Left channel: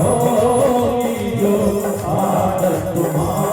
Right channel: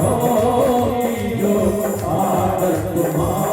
होगी जो आदत तुम्हारी।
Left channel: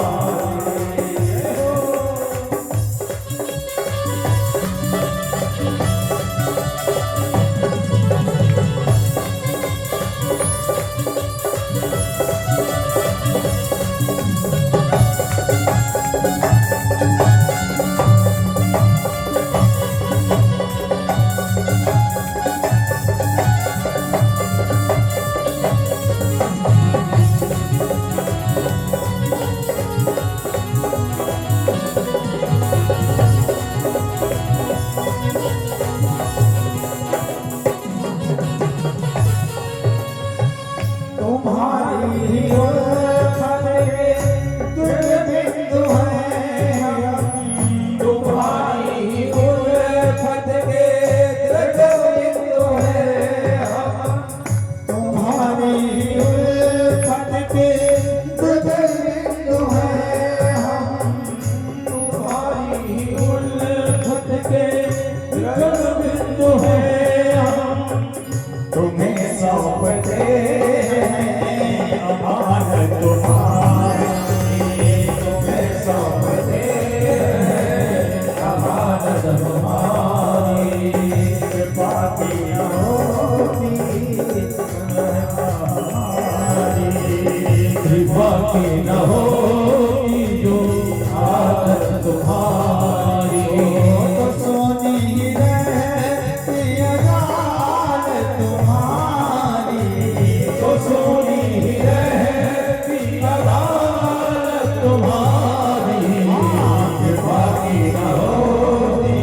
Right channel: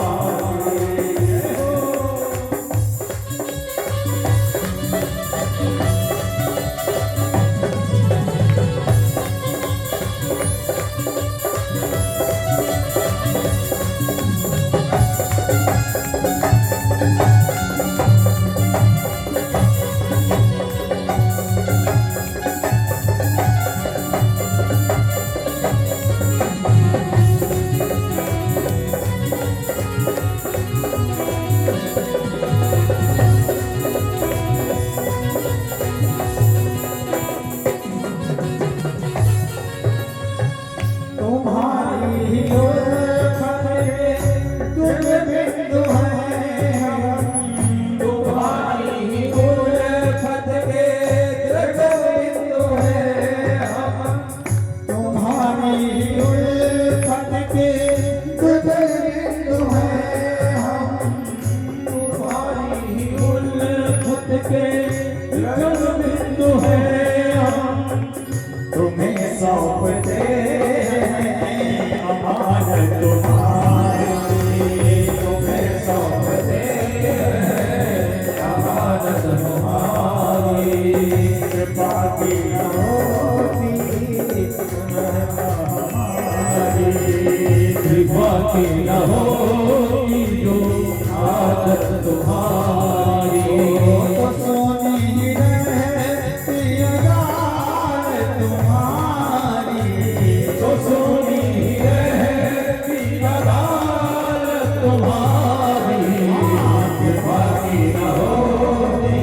बाकी न होगी जो आदत तुम्हारी। तो सोनी रहती अदालत तुम्हारी, तो सोनी रहती अदालत तुम्हारी। बाकी न होगी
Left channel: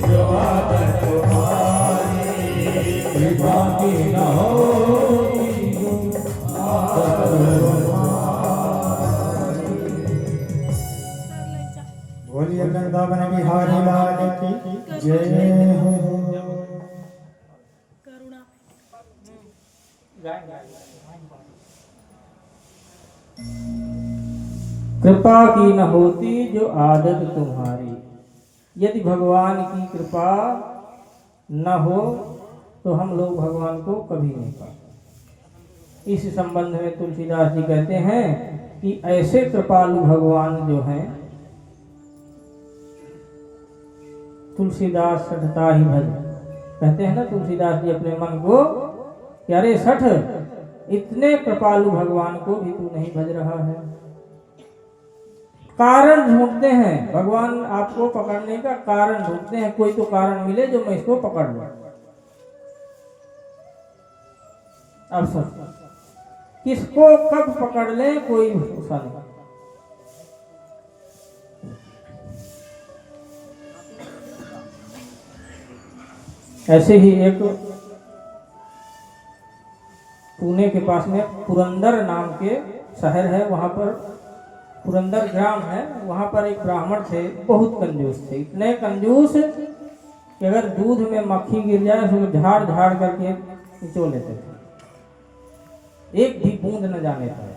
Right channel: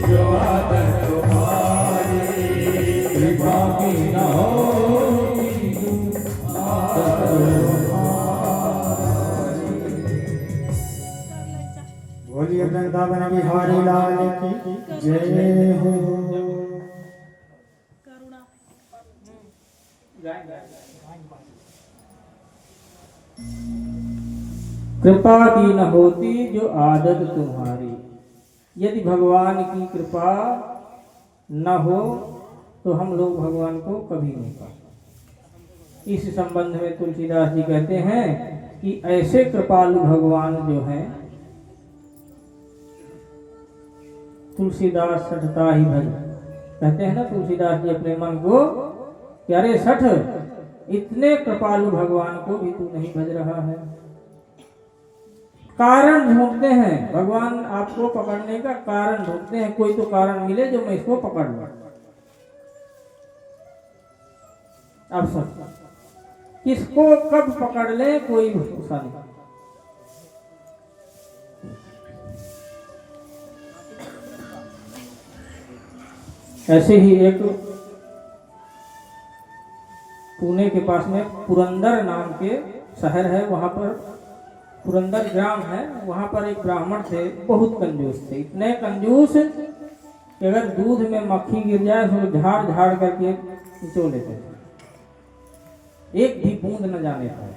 जो आदत तुम्हारी, बाकी न होगी जो आदत। बोलिए वृंदावन बिहारी लाल की जय हो। कृपा की न होती जो आदत तुम्हारी। यदि भगवान की कृपा न हो तो हम लोग भगवान को कभी नहीं पाते। इस संबंध में तुलसीदास जी कहते हैं कि ऐसे कृपालु भगवान जो हैं, तुलसीदास सठता ही भज। कहते हैं ना तुलसीदास जी अपने मन को कि अरे सठ, इतने कृपालु भगवान को भी तू नहीं भज रहा है। कारण ढूंढते हैं, भगवान आपको पकड़ने का कारण ढूंढते हैं। कोई तो कारण मिले जो मैं इसको पकड़ लूं। अब सब किसको कब पकड़ ले कोई भरोसा नहीं। ऐसे ही एक पुणे के पास में पुरंदर नाम के शहर है, वहां पर पुरंदर ग्राम है। वहां पर एक ब्राह्मण थे, बहुत कंजूस थे। इतने कंजूस कि अगर दूध में मक्खी गिर जाए तो झाड़ झाड़ करके निचो लेते थे, एक भी बूंद न जाने पाए।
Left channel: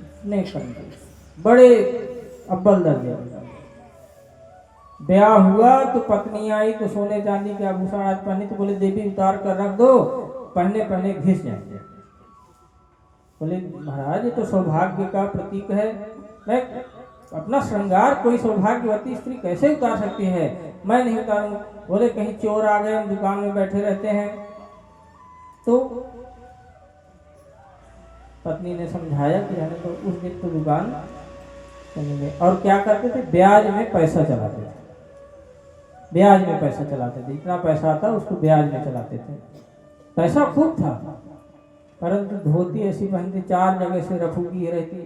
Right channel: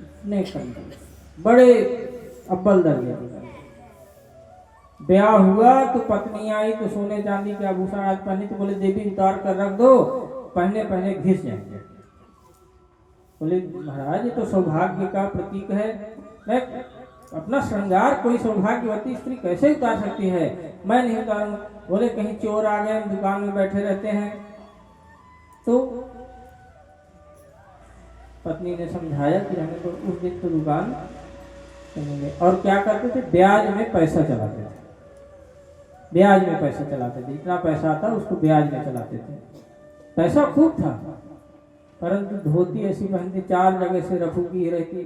इतने कंजूस, बड़े अव्वल दर्जे। ब्याह हुआ तो पत्नी आई तो सोने चांदी के आभूषण आज पहने, तो बोले देवी उतार कर रख दो, पहने पहने घिस जाएंगे। बोले महाराज ये तो सौभाग्य का प्रतीक है, मैं अपना श्रृंगार कोई सौभाग्यवती स्त्री कैसे उतार सकती है, मैं नहीं उतारूं। बोले कहीं चोर आ गए, हम दुकान में बैठे रहते हैं। तो पत्नी ने समझाया कि हमें तो उस दिन तो दुकान करेंगे। और क्या करते थे, ब्याज में पैसा चलाते थे। ब्याज में पैसा चलाते थे, इतना पैसा आता उसको ब्याज में चलाते थे। पैसा खूब था, परंतु धोती ऐसी पहनती, 4 जगह से रफू की रहती।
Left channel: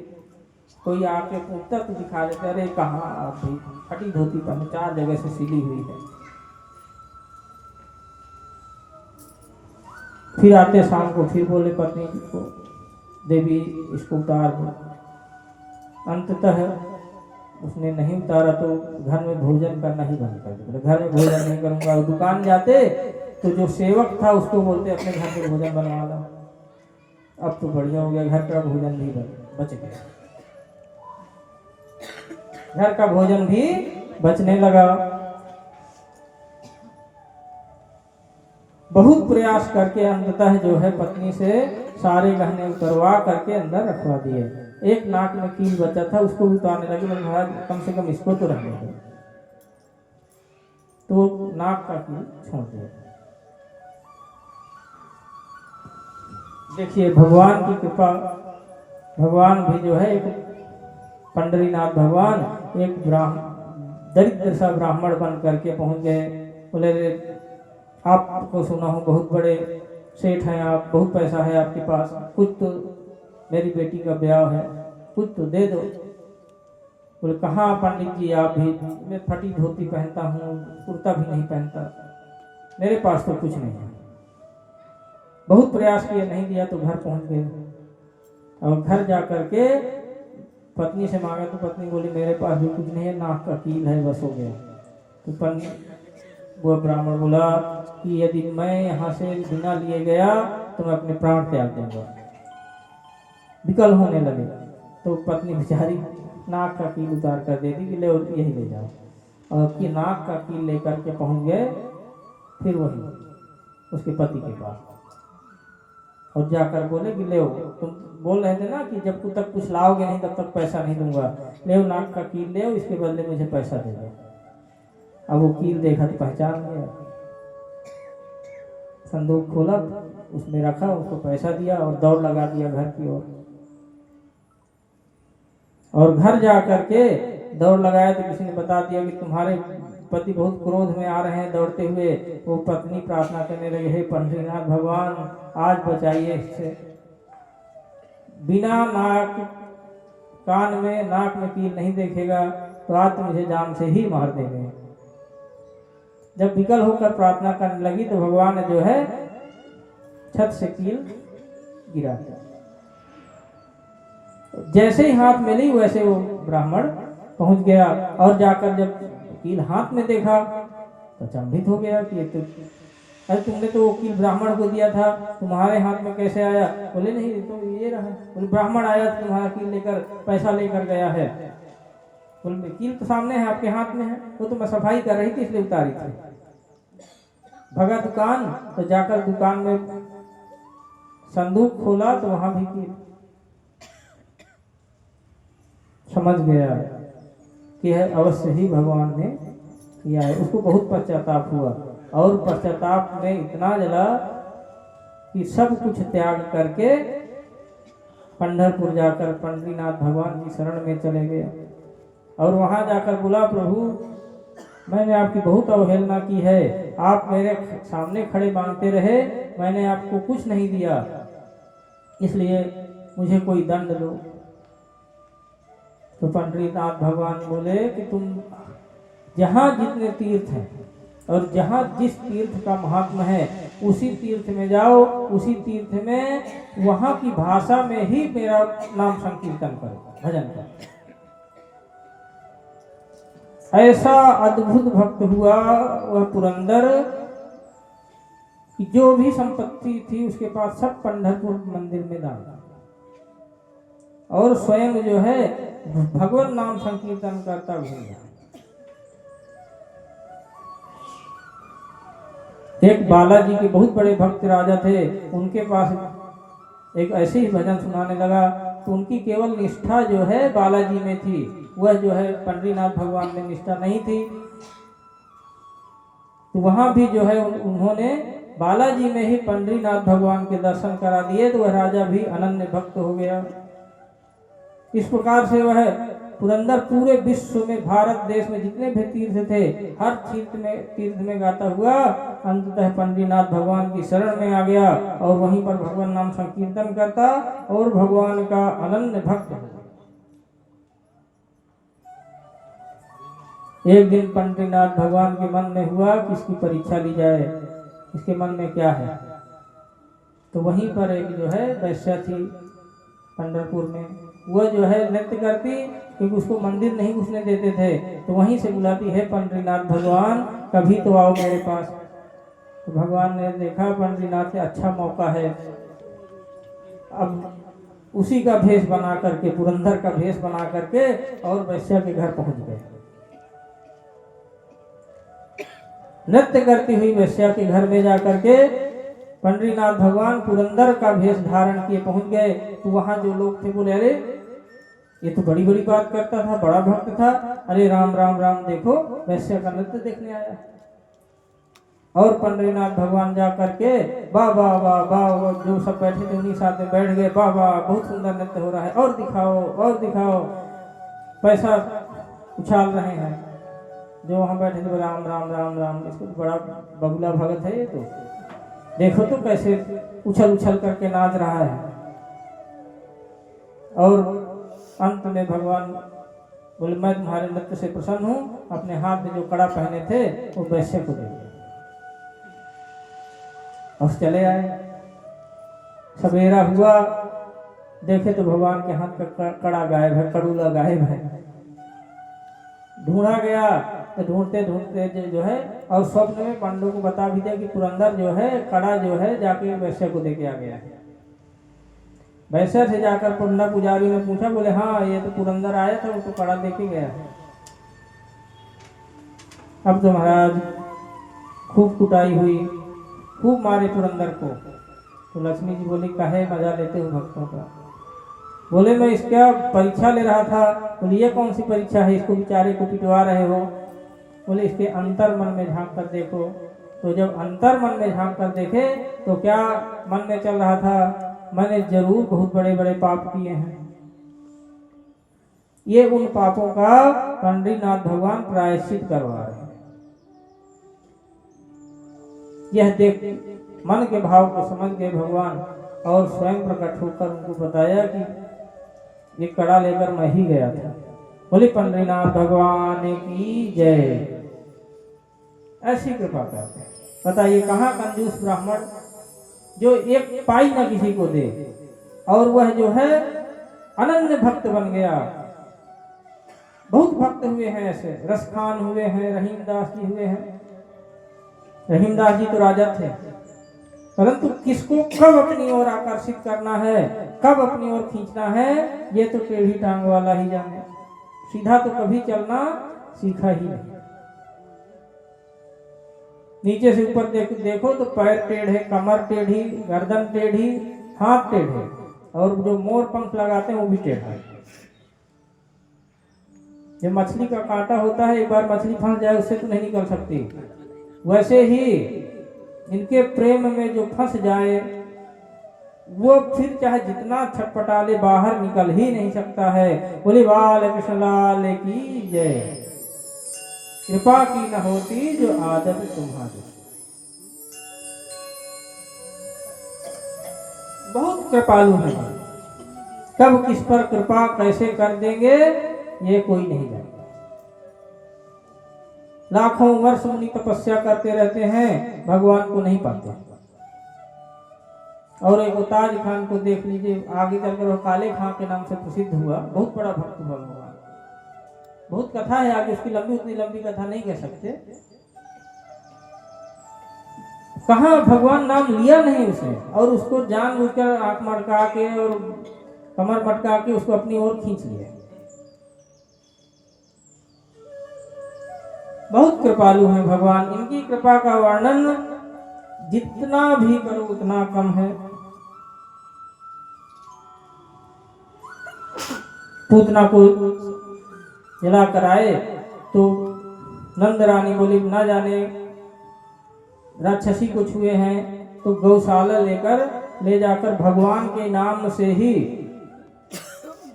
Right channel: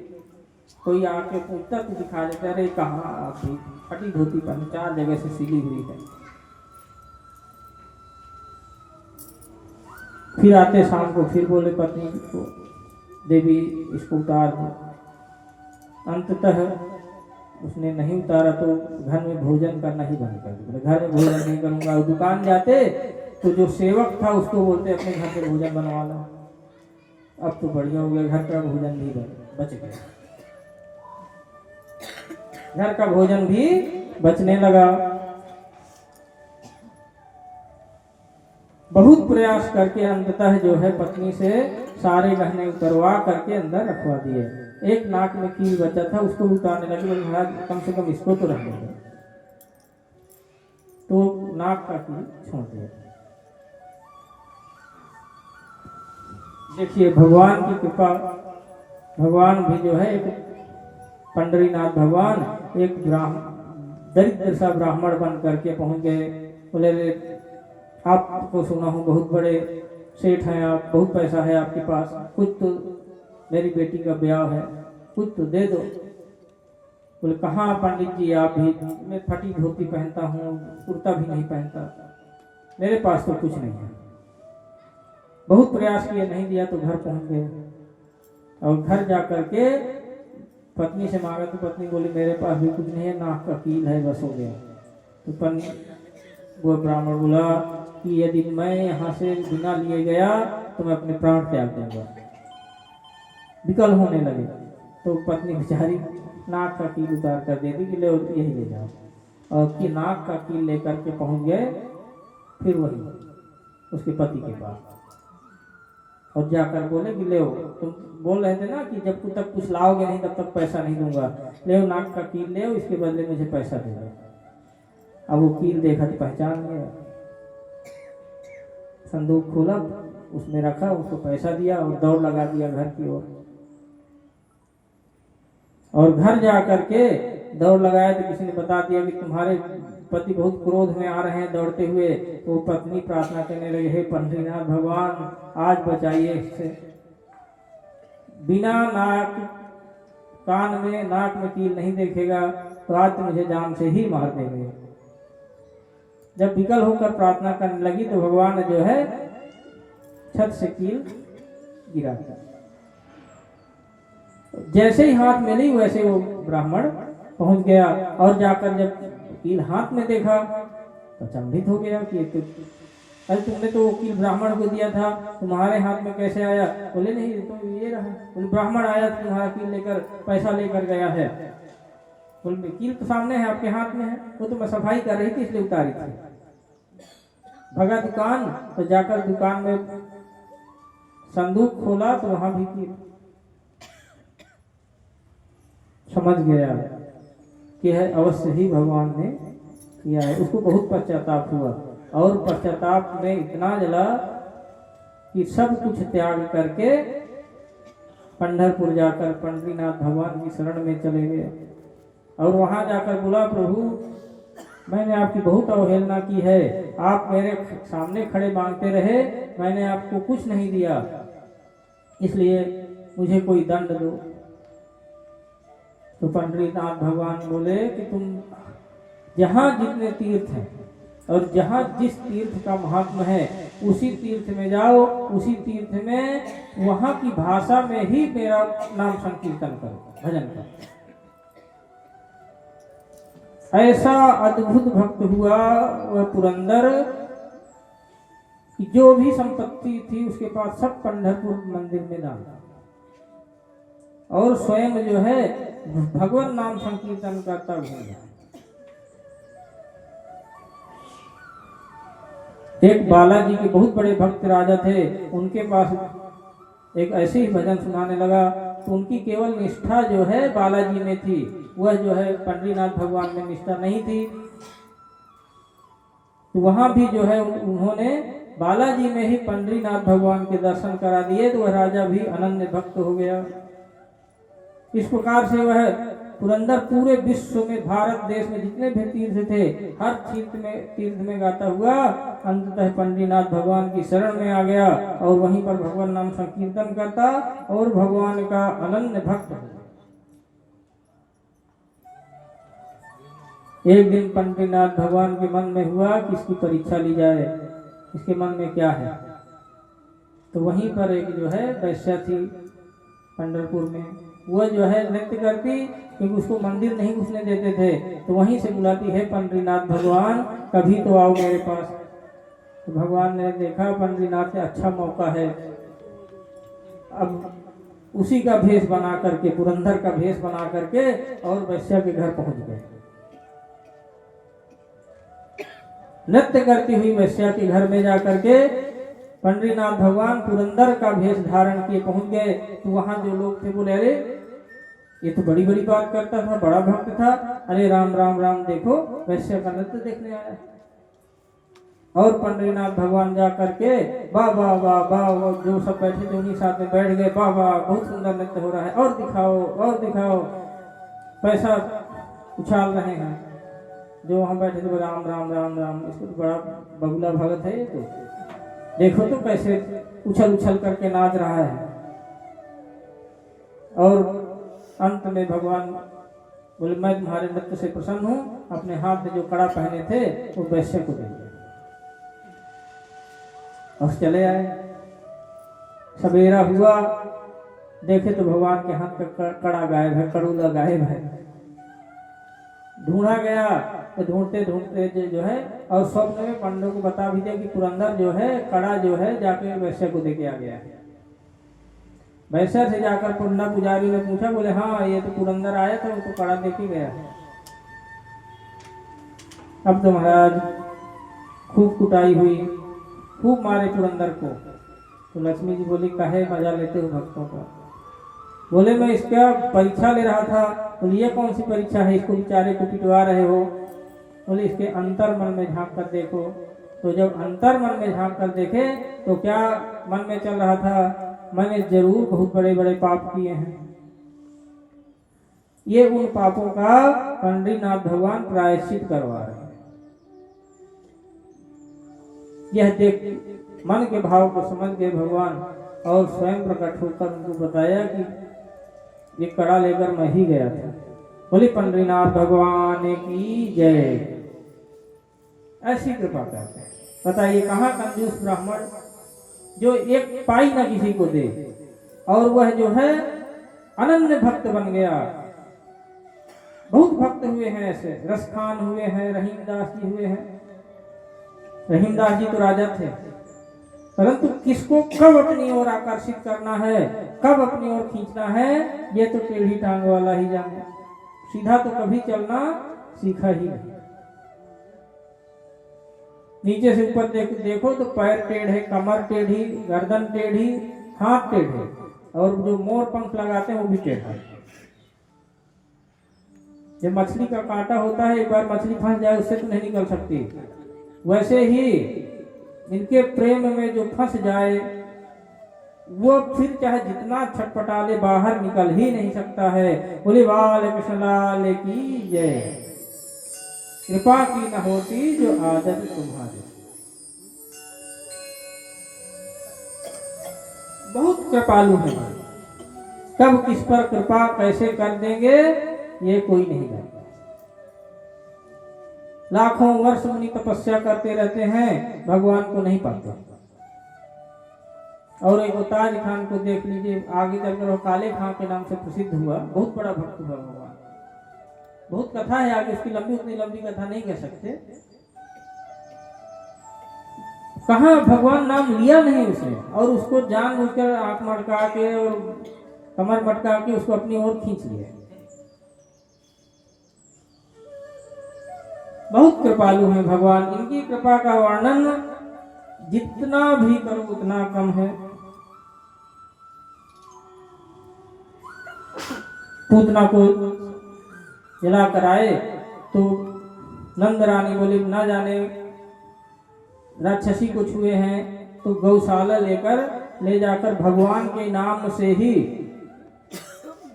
कोई आके पूछता तो दिखा देता, अरे कहाँ फटी धोती पहनी, 4 जगह से सिली हुई है। फिर आते शाम को, फिर बोले पत्नी को देवी इसको उतार दो। अंततः उसने नहीं उतारा तो घर में भोजन करना ही बंद कर दिया। घर में भोजन नहीं करूंगा। दुकान जाते तो जो सेवक था उसको बोलते अपने घर पे भोजन बनवा लो। अब तो बढ़िया हो गया, घर का भोजन भी बच गया, घर का भोजन भी बचने लगा। बहुत प्रयास करके अंततः जो है पत्नी से सारे गहने उतरवा करके अंदर रखवा दिए। एक नाक में कील बचा था, उसको भी उतारने लगे, बोले महाराज कम से कम इसको तो रखने दो। तो नाक का कील छोड़ दिया। देखिए भगवान की कृपा, भगवान भी जो है एक पंडरीनाथ भगवान एक दरिद्र सा ब्राह्मण बन करके पहुंच गए। बोले आपको सुना हूँ बहुत बड़े सेठ हैं आप, बहुत पैसा है आपके पास, कुछ तो मेरी बेटी का ब्याह है, कुछ तो दे दो। बोले कहाँ पंडित जी आप भी, मैं फटी धोती पहनता हूँ, कुर्ता भी नहीं पहनता, मेरे पास तो कुछ नहीं है। बहुत प्रयास किए, नहीं दिया तो घर पहुंच गए। और घर जा करके पत्नी से मांगा तो पत्नी बोली मेरे पास भी कुछ नहीं है, नाक का कील है, बस हो गया। तो वो ब्राह्मण बोला कि यदि मैं यहाँ से बिना लिए गया तो मैं अपने प्राण त्याग दूंगा। विकल होने लगे तो पत्नी बेचारी नाक का कील उतार कर दे दी कि ले यही ले जाओ। और कि नाक का कील लेकर के पहुंच गए फिर वही उसके पति के पास, और जाकर बोले कि ले तुम बोल रहे थे ना कि जब तक कुछ लाओगे नहीं तब तक पैसा नहीं दूंगा, ले नाक का कील ले, इसके बदले मुझे पैसा दे दो। अब वो कील देखा तो पहचान गया, संदूक खोला, उसमें रखा, उसको पैसा दिया और दौड़ लगा दिया घर की ओर। और घर जा करके दौड़ लगाया तो किसी ने बता दिया कि तुम्हारे पति बहुत क्रोध में आ रहे हैं दौड़ते हुए। वो पत्नी प्रार्थना करने लगे, हे पंडरीनाथ भगवान आज बचाइए इससे, बिना नाक कान में नाक में कील नहीं देखेगा तो आज तो मुझे जान से ही मार देंगे। जब विकल होकर प्रार्थना करने लगी तो भगवान ने जो है छत से कील गिरा दिया। जैसे ही हाथ में ली वैसे वो ब्राह्मण पहुंच गया, और जाकर जब कील हाथ में देखा तो अचंभित हो गया कि अरे तुमने तो वकील ब्राह्मण को दिया था, तुम्हारे हाथ में कैसे आया? बोले नहीं तो ये रहा, बोले ब्राह्मण आया तुम्हारा कील लेकर, पैसा लेकर गया है। बोले कील तो सामने है आपके हाथ में है, वो तो मैं सफाई कर रही थी इसलिए उतारी थी। भगा दुकान तो जाकर दुकान में संदूक खोला तो वहां भी कील। समझ गया कि है अवश्य ही भगवान ने किया है। उसको बहुत पश्चाताप हुआ, और पश्चाताप में इतना जला कि सब कुछ त्याग करके पंढरपुर जाकर पंडरीनाथ भगवान की शरण में चले गए। और वहां जाकर बोला, प्रभु मैंने आपकी बहुत अवहेलना की है, आप मेरे सामने खड़े मांगते रहे, मैंने आपको कुछ नहीं दिया, इसलिए मुझे कोई दंड दो। तो पंडरीनाथ भगवान बोले कि तुम जहाँ जितने तीर्थ हैं और जहाँ जिस तीर्थ का महात्मा है उसी तीर्थ में जाओ, उसी तीर्थ में वहाँ की भाषा में ही मेरा नाम संकीर्तन करो, भजन करो। ऐसा अद्भुत भक्त हुआ वह पुरंदर कि जो भी संपत्ति थी उसके पास सब पंढरपुर मंदिर में दान, और स्वयं जो है भगवान नाम संकीर्तन करता घूम। एक बालाजी के बहुत बड़े भक्त राजा थे, उनके पास एक ऐसे ही भजन सुनाने लगा, तो उनकी केवल निष्ठा जो है बालाजी में थी, वह जो है पंडरीनाथ भगवान में निष्ठा नहीं थी। तो वहां भी जो है उन्होंने बालाजी में ही पंडरीनाथ भगवान के दर्शन करा दिए, तो वह राजा भी अनन्य भक्त हो गया। इस प्रकार से वह पुरंदर पूरे विश्व में, भारत देश में जितने भी तीर्थ थे, हर तीर्थ में गाता हुआ अंततः पंडरीनाथ भगवान की शरण में आ गया, और वहीं पर भगवान नाम संकीर्तन करता और भगवान का अनन्य भक्त हो। एक दिन पंडरीनाथ भगवान के मन में हुआ कि इसकी परीक्षा ली जाए, इसके मन में क्या है। तो वहीं पर एक जो है वैश्या थी पंढरपुर में, वह जो है नृत्य करती, क्योंकि उसको मंदिर नहीं घुसने देते थे, तो वहीं से बुलाती है पंडरीनाथ भगवान कभी तो आओ मेरे पास। तो भगवान ने देखा पंडरीनाथ से अच्छा मौका है, अब उसी का भेष बना करके, पुरंदर का भेष बना करके और वैश्या के घर पहुंच गए। नृत्य करती हुई वैश्या के घर में जाकर के पंडरीनाथ भगवान पुरंदर का वेश धारण किए पहुंच गए। तो वहां जो लोग थे बोले, अरे ये तो बड़ी बड़ी बात करता था, बड़ा भक्त था, अरे राम राम राम, देखो वैश्य का नृत्य देखने आया है। और पंडरीनाथ भगवान जा करके वाह वाह वाह वाह, जो सब बैठे थे उन्हीं साथ में बैठ गए, वाह वाह बहुत सुंदर नृत्य हो रहा है, और दिखाओ और दिखाओ, पैसा उछाल रहे हैं। जो वहां बैठे थे राम राम राम राम, इसको तो बड़ा बगुला भगत है ये, तो देखो तो कैसे उछल उछल करके नाच रहा है। और अंत में भगवान बोले, मैं तुम्हारे नृत्य से प्रसन्न हूँ, अपने हाथ में जो कड़ा पहने थे वो वैश्य को दे दिया और चले आए। सवेरा हुआ, देखे तो भगवान के हाथ का कड़ा गायब है, कड़ूला गायब है। ढूंढा गया तो ढूंढते ढूंढते जो है, और स्वप्न में पांडवों को बता भी दिया कि पुरंदर जो है कड़ा जो है जाके वैश्य को दे के आ गया है। वैश्य से जाकर पुंडा पुजारी ने पूछा, बोले हाँ ये तो पुरंदर आया था, वो तो कड़ा दे के गया है। अब तो महाराज खूब कुटाई हुई, खूब मारे पुरंदर को। तो लक्ष्मी जी बोली, काहे मजा लेते हो भक्तों का? बोले मैं इसका परीक्षा ले रहा था। बोले ये कौन सी परीक्षा है, इसको बेचारे को पिटवा रहे हो? बोले इसके अंतर मन में झांक कर देखो। तो जब अंतर मन में झांक कर देखे तो क्या मन में चल रहा था, मैंने जरूर बहुत बड़े बड़े पाप किए हैं। ये उन पापों का पंडरीनाथ भगवान प्रायश्चित करवा रहे हैं। यह देख मन के भाव को समझ गए भगवान, और स्वयं प्रकट होकर उनको बताया कि ये कड़ा लेकर मैं ही गया था। बोले पंडरीनाथ भगवान की जय। ऐसी कृपा करते हैं। बताइए कहाँ कंजूस ब्राह्मण जो एक पाई न किसी को दे, और वह जो है अनन्य भक्त बन गया। बहुत भक्त हुए हैं ऐसे, रसखान हुए हैं, रहीमदास जी हुए हैं। रहीमदास जी तो राजा थे, परंतु किसको कब अपनी ओर आकर्षित करना है, कब अपनी ओर खींचना है, ये तो टेढ़ी टांग वाला ही जाने। सीधा तो कभी चलना सीखा ही नहीं। नीचे से ऊपर देखो तो पैर टेढ़े, कमर टेढ़ी, गर्दन टेढ़ी, हाथ टेढ़े, और जो मोर पंख लगाते हैं वो भी टेढ़ा। जो मछली का कांटा होता है, एक बार मछली फंस जाए उससे तो नहीं निकल सकती, वैसे ही इनके प्रेम में जो फंस जाए वो फिर चाहे जितना छटपटा ले बाहर निकल ही नहीं सकता है। बोले बाल कृष्ण लाल की जय। कृपा की न होती जो आदत तुम्हारी। बहुत कृपालु है, कब किस पर कृपा कैसे कर देंगे ये कोई नहीं जानता। लाखों वर्ष मुनि तपस्या करते रहते हैं, भगवान को नहीं पाते। और एक ताज खान को देख लीजिए, आगे चलकर वो काले खां के नाम से प्रसिद्ध हुआ, बहुत बड़ा भक्त हुआ भगवान। बहुत कथा है आगे उसकी, लंबी उतनी लंबी कथा नहीं कह सकते। कहाँ भगवान नाम लिया नहीं उसने, और उसको जानबूझकर आंख मटका के और कमर मटका के उसको अपनी ओर खींच लिया। बहुत कृपालु हैं भगवान, इनकी कृपा का वर्णन जितना भी करो उतना कम है। पूतना को जला कर आए तो नंद रानी बोली ना जाने राक्षसी को छुए हैं, तो गौशाला ले जाकर भगवान के नाम से ही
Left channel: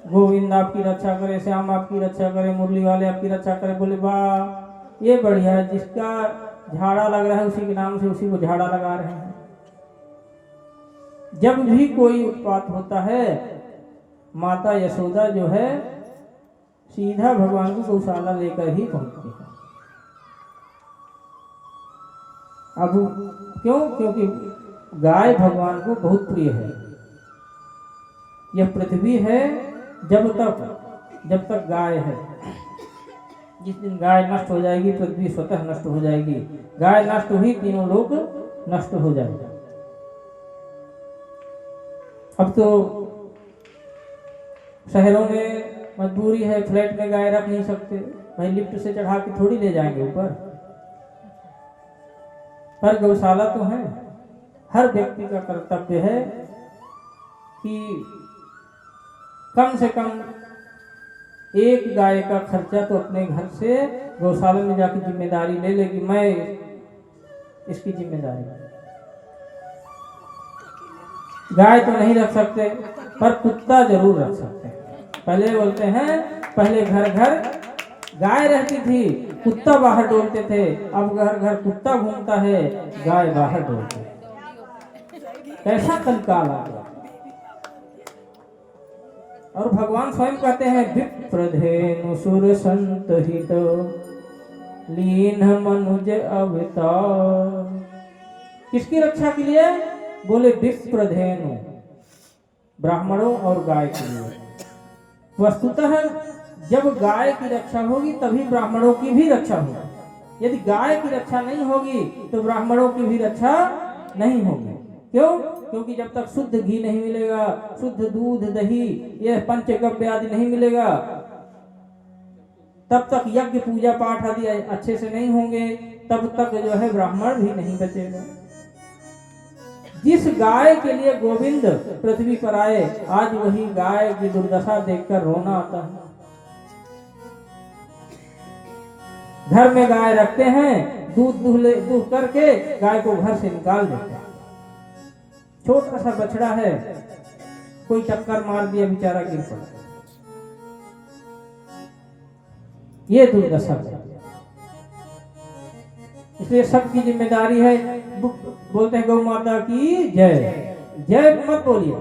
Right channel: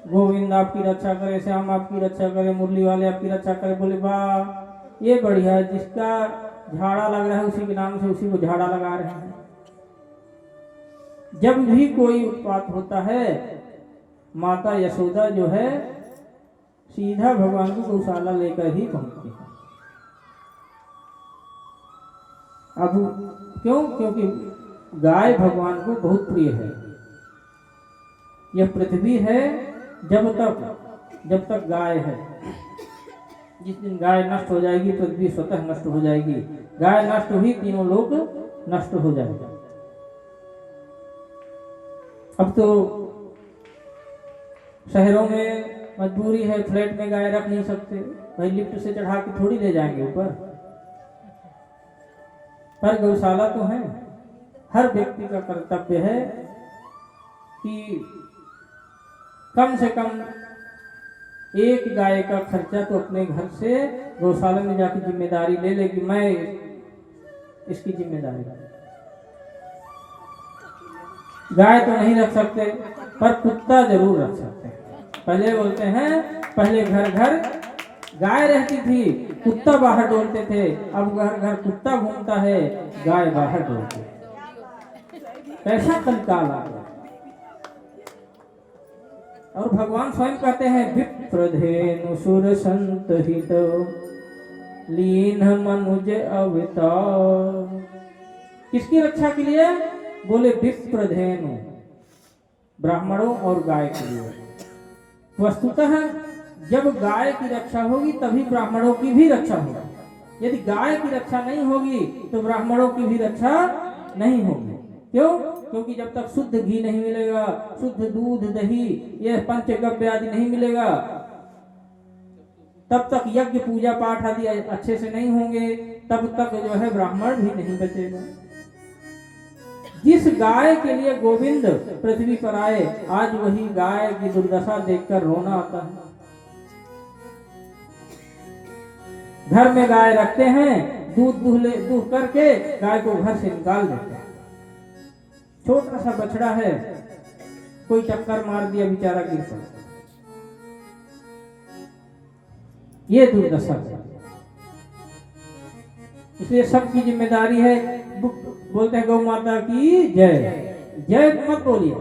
गोविंद आपकी रक्षा करे, श्याम आपकी रक्षा करे, मुरली वाले आपकी रक्षा करे। बोले वाह ये बढ़िया है, जिसका झाड़ा लग रहा है उसी के नाम से उसी को झाड़ा लगा रहे हैं। जब भी कोई उत्पात होता है, माता यशोदा जो है सीधा भगवान को गौशाला लेकर ही पहुंचती है। अब क्यों? क्योंकि गाय भगवान को बहुत प्रिय है। यह पृथ्वी है जब तक गाय है। जिस दिन गाय नष्ट हो जाएगी, पृथ्वी स्वतः नष्ट हो जाएगी। गाय नष्ट हुई, तीनों लोग नष्ट हो जाएगा। अब तो शहरों में मजबूरी है, फ्लैट में गाय रख नहीं सकते, भाई लिफ्ट से चढ़ा के थोड़ी ले जाएंगे ऊपर, पर गौशाला तो है। हर व्यक्ति का कर्तव्य है कि कम से कम एक गाय का खर्चा तो अपने घर से गौशाला में जाकर जिम्मेदारी ले लेगी, मैं इसकी जिम्मेदारी। गाय तो नहीं रख सकते पर कुत्ता जरूर रख सकते हैं। पहले बोलते हैं पहले घर घर गाय रहती थी, कुत्ता बाहर डोलते थे, अब घर घर कुत्ता घूमता है, गाय बाहर डोलती है। कैसा कंकाल आ गया। और भगवान स्वयं कहते हैं विप्रधेनु सुर संत हित लीन मनुज अवतार। किसकी रक्षा के लिए? बोले विप्रधेनु, ब्राह्मणों और गाय के लिए। वस्तुतः जब गाय की रक्षा होगी तभी ब्राह्मणों की भी रक्षा होगी। यदि गाय की रक्षा नहीं होगी तो ब्राह्मणों की भी रक्षा नहीं होगी। क्यों? क्योंकि जब तक शुद्ध घी नहीं मिलेगा, शुद्ध दूध दही यह पंचगव्य आदि नहीं मिलेगा, तब तक यज्ञ पूजा पाठ आदि अच्छे से नहीं होंगे, तब तक जो है ब्राह्मण भी नहीं बचेगा। जिस गाय के लिए गोविंद पृथ्वी पर आए, आज वही गाय की दुर्दशा देखकर रोना आता है। घर में गाय रखते हैं, दूध करके गाय को घर से निकाल देते हैं। छोटा सा बछड़ा है, कोई टक्कर मार दिया, बेचारा गिर पड़ा। ये दुर्दशा है। इसलिए सबकी जिम्मेदारी है। बोलते हैं गौ माता की जय। जय मत बोलिए,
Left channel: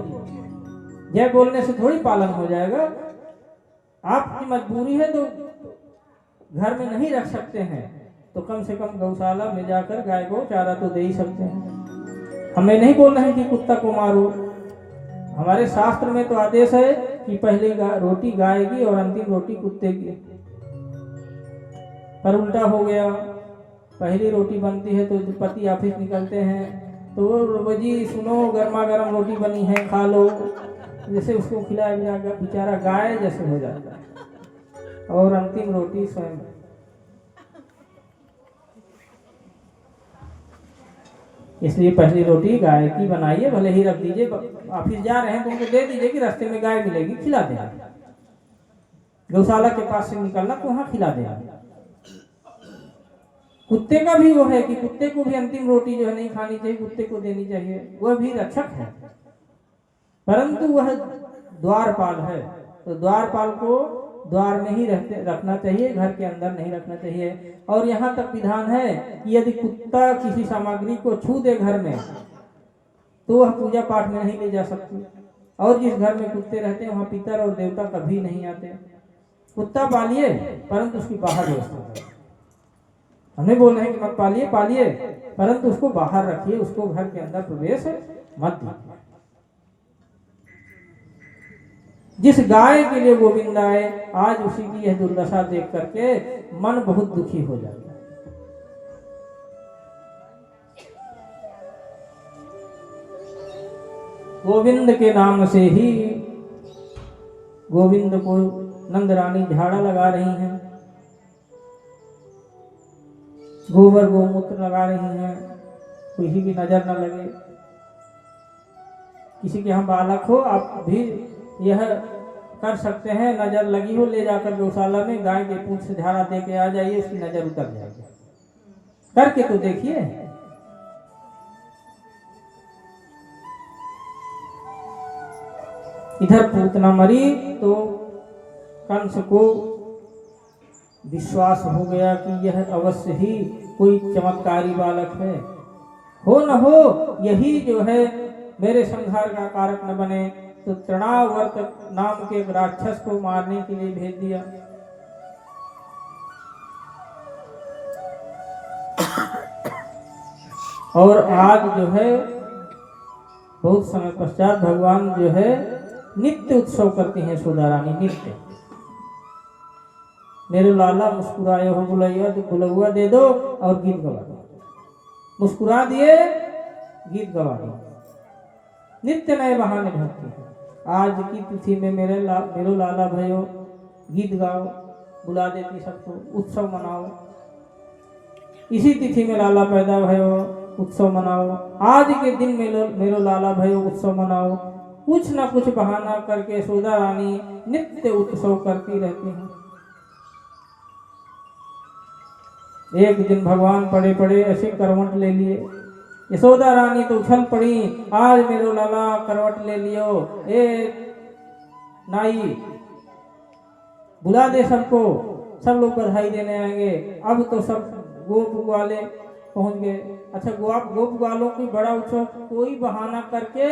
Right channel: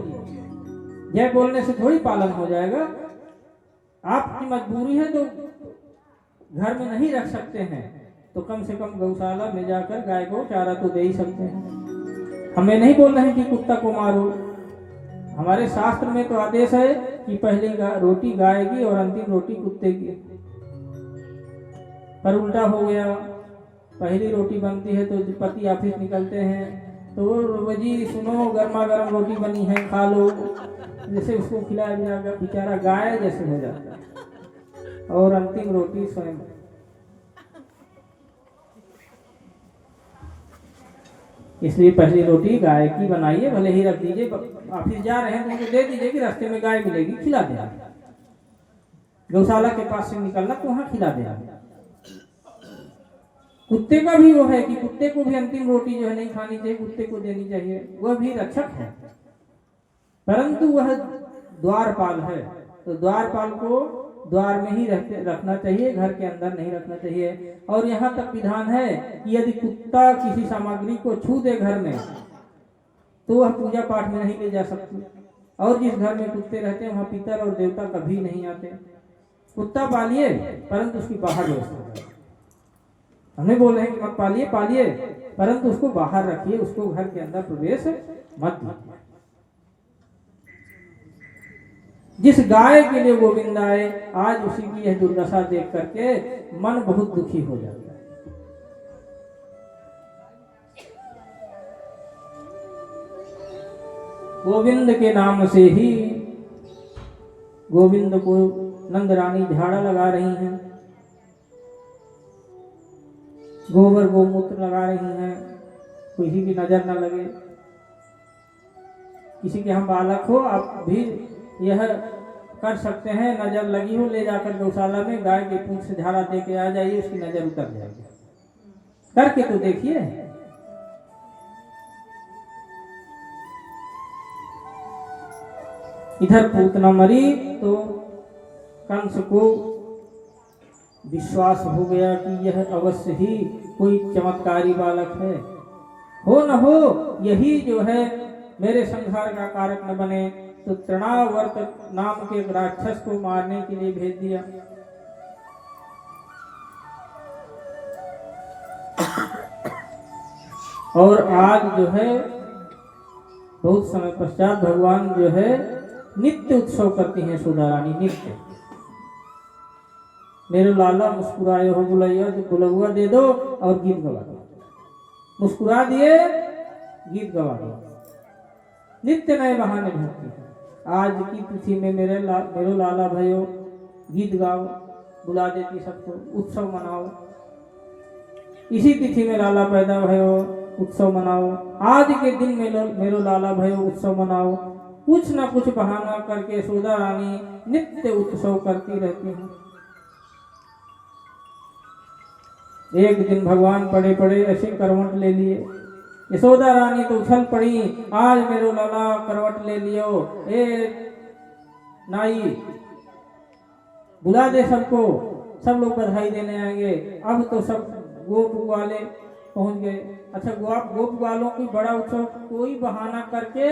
जय बोलने से थोड़ी पालन हो जाएगा। आपकी मजबूरी है तो घर में नहीं रख सकते हैं तो कम से कम गौशाला में जाकर गाय को चारा तो दे ही सकते हैं। हमें नहीं बोल रहे हैं कि कुत्ता को मारो। हमारे शास्त्र में तो आदेश है कि पहली रोटी गाय की और अंतिम रोटी कुत्ते की। पर उल्टा हो गया, पहली रोटी बनती है तो पति ऑफिस निकलते हैं तो जी सुनो गर्मा गर्म रोटी बनी है खा लो, जैसे उसको खिलाया बेचारा गाय जैसे हो जाता है। और अंतिम रोटी स्वयं। इसलिए पहली रोटी गाय की बनाइए, भले ही रख दीजिए, ऑफिस जा रहे हैं तो उनको दे दीजिए कि रास्ते में गाय मिलेगी, खिला देना। गौशाला के पास से निकलना तो वहां खिला देना। कुत्ते का भी वो है कि कुत्ते को भी अंतिम रोटी जो है नहीं खानी चाहिए, कुत्ते को देनी चाहिए। वह भी रक्षक है, परंतु वह द्वारपाल है तो द्वारपाल को द्वार में ही रखना चाहिए, घर के अंदर नहीं रखना चाहिए। और यहाँ तक विधान है कि यदि कुत्ता किसी सामग्री को छू दे घर में तो वह पूजा पाठ में नहीं ले जा सकती। और जिस घर में कुत्ते रहते हैं वहाँ पितर और देवता कभी नहीं आते। कुत्ता पालिए परंतु उसकी बाहर व्यवस्था करें। हमें बोल रहे हैं कि मत पालिए, पालिए परंतु उसको बाहर रखिए, उसको घर के अंदर प्रवेश मत दीजिए। जिस गाय के लिए गोविंद आए, आज उसी की यह दुर्दशा देख करके मन बहुत दुखी हो जाता है। गोविंद के नाम से ही गोविंद को नंद रानी झाड़ा लगा रही हैं, गोबर गोमूत्र लगा रही हैं, किसी की नजर न लगे। किसी के यहाँ बालक हो, आप भी यह कर सकते हैं, नजर लगी हो ले जाकर गौशाला में गाय के पूंछ से झाड़ा दे के आ जाइए, उसकी नजर उतर जाएगी। करके तो देखिए। इधर पूतना मरी तो कंस को विश्वास हो गया कि यह अवश्य ही कोई चमत्कारी बालक है, हो न हो यही जो है मेरे संहार का कारक न बने। तो तृणावर्त नाम के एक राक्षस को मारने के लिए भेज दिया। और आज जो है बहुत समय पश्चात भगवान जो है नित्य उत्सव करती हैं सुधा रानी। नित्य मेरे लाला मुस्कुराए हो बुलैया, तो बुलौआ दे दो और गीत गवा दो। मुस्कुरा दिए, गीत गवा दो। नित्य नए बहाने ढूंढती है। आज की तिथि में मेरे लाला भयो, गीत गाओ, बुला देती सबको, उत्सव मनाओ। इसी तिथि में लाला पैदा भयो, उत्सव मनाओ, आज के दिन मेरो लाला भयो उत्सव मनाओ। कुछ न कुछ बहाना करके यशोदा रानी नित्य उत्सव करती रहती हैं। एक दिन भगवान पड़े पड़े ऐसे करवट ले लिए। यशोदा रानी तो उछल पड़ी, आज मेरो लाला करवट ले लियो, ए नाई बुला दे सबको, सब लोग बधाई देने आएंगे। अब तो सब गोप वाले पहुंच गए। अच्छा, गोप वालों की बड़ा उत्सव कोई बहाना करके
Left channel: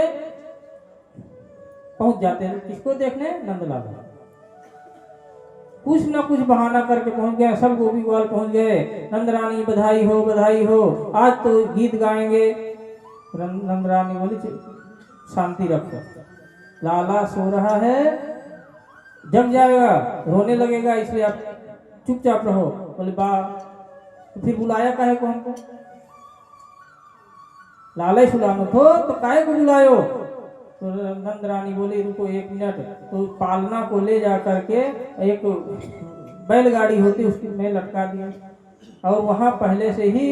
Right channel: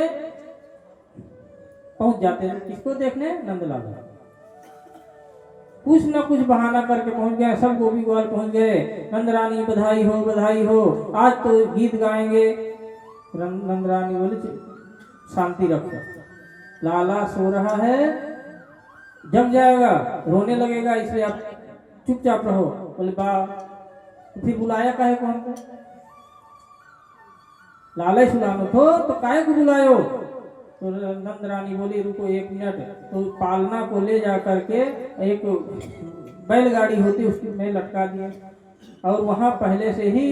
पहुंच जाते हैं, किसको देखने? नंदलाला। कुछ न कुछ बहाना करके पहुंच गए, सब गोपी ग्वाल पहुंच गए। नंद रानी बधाई हो, बधाई हो, आज तो गीत गाएंगे। नंद रानी बोली शांति रखो, लाला सो रहा है, जग जाएगा, रोने लगेगा, इसलिए आप चुपचाप रहो। बोले बा, तो फिर बुलाया काहे को हमको? लाला सुलानो तो काहे को बुलायो? तो नंद रानी बोली रुको 1 मिनट। तो पालना को ले जा करके एक बैलगाड़ी होती उसकी में लटका दिया, और वहां पहले से ही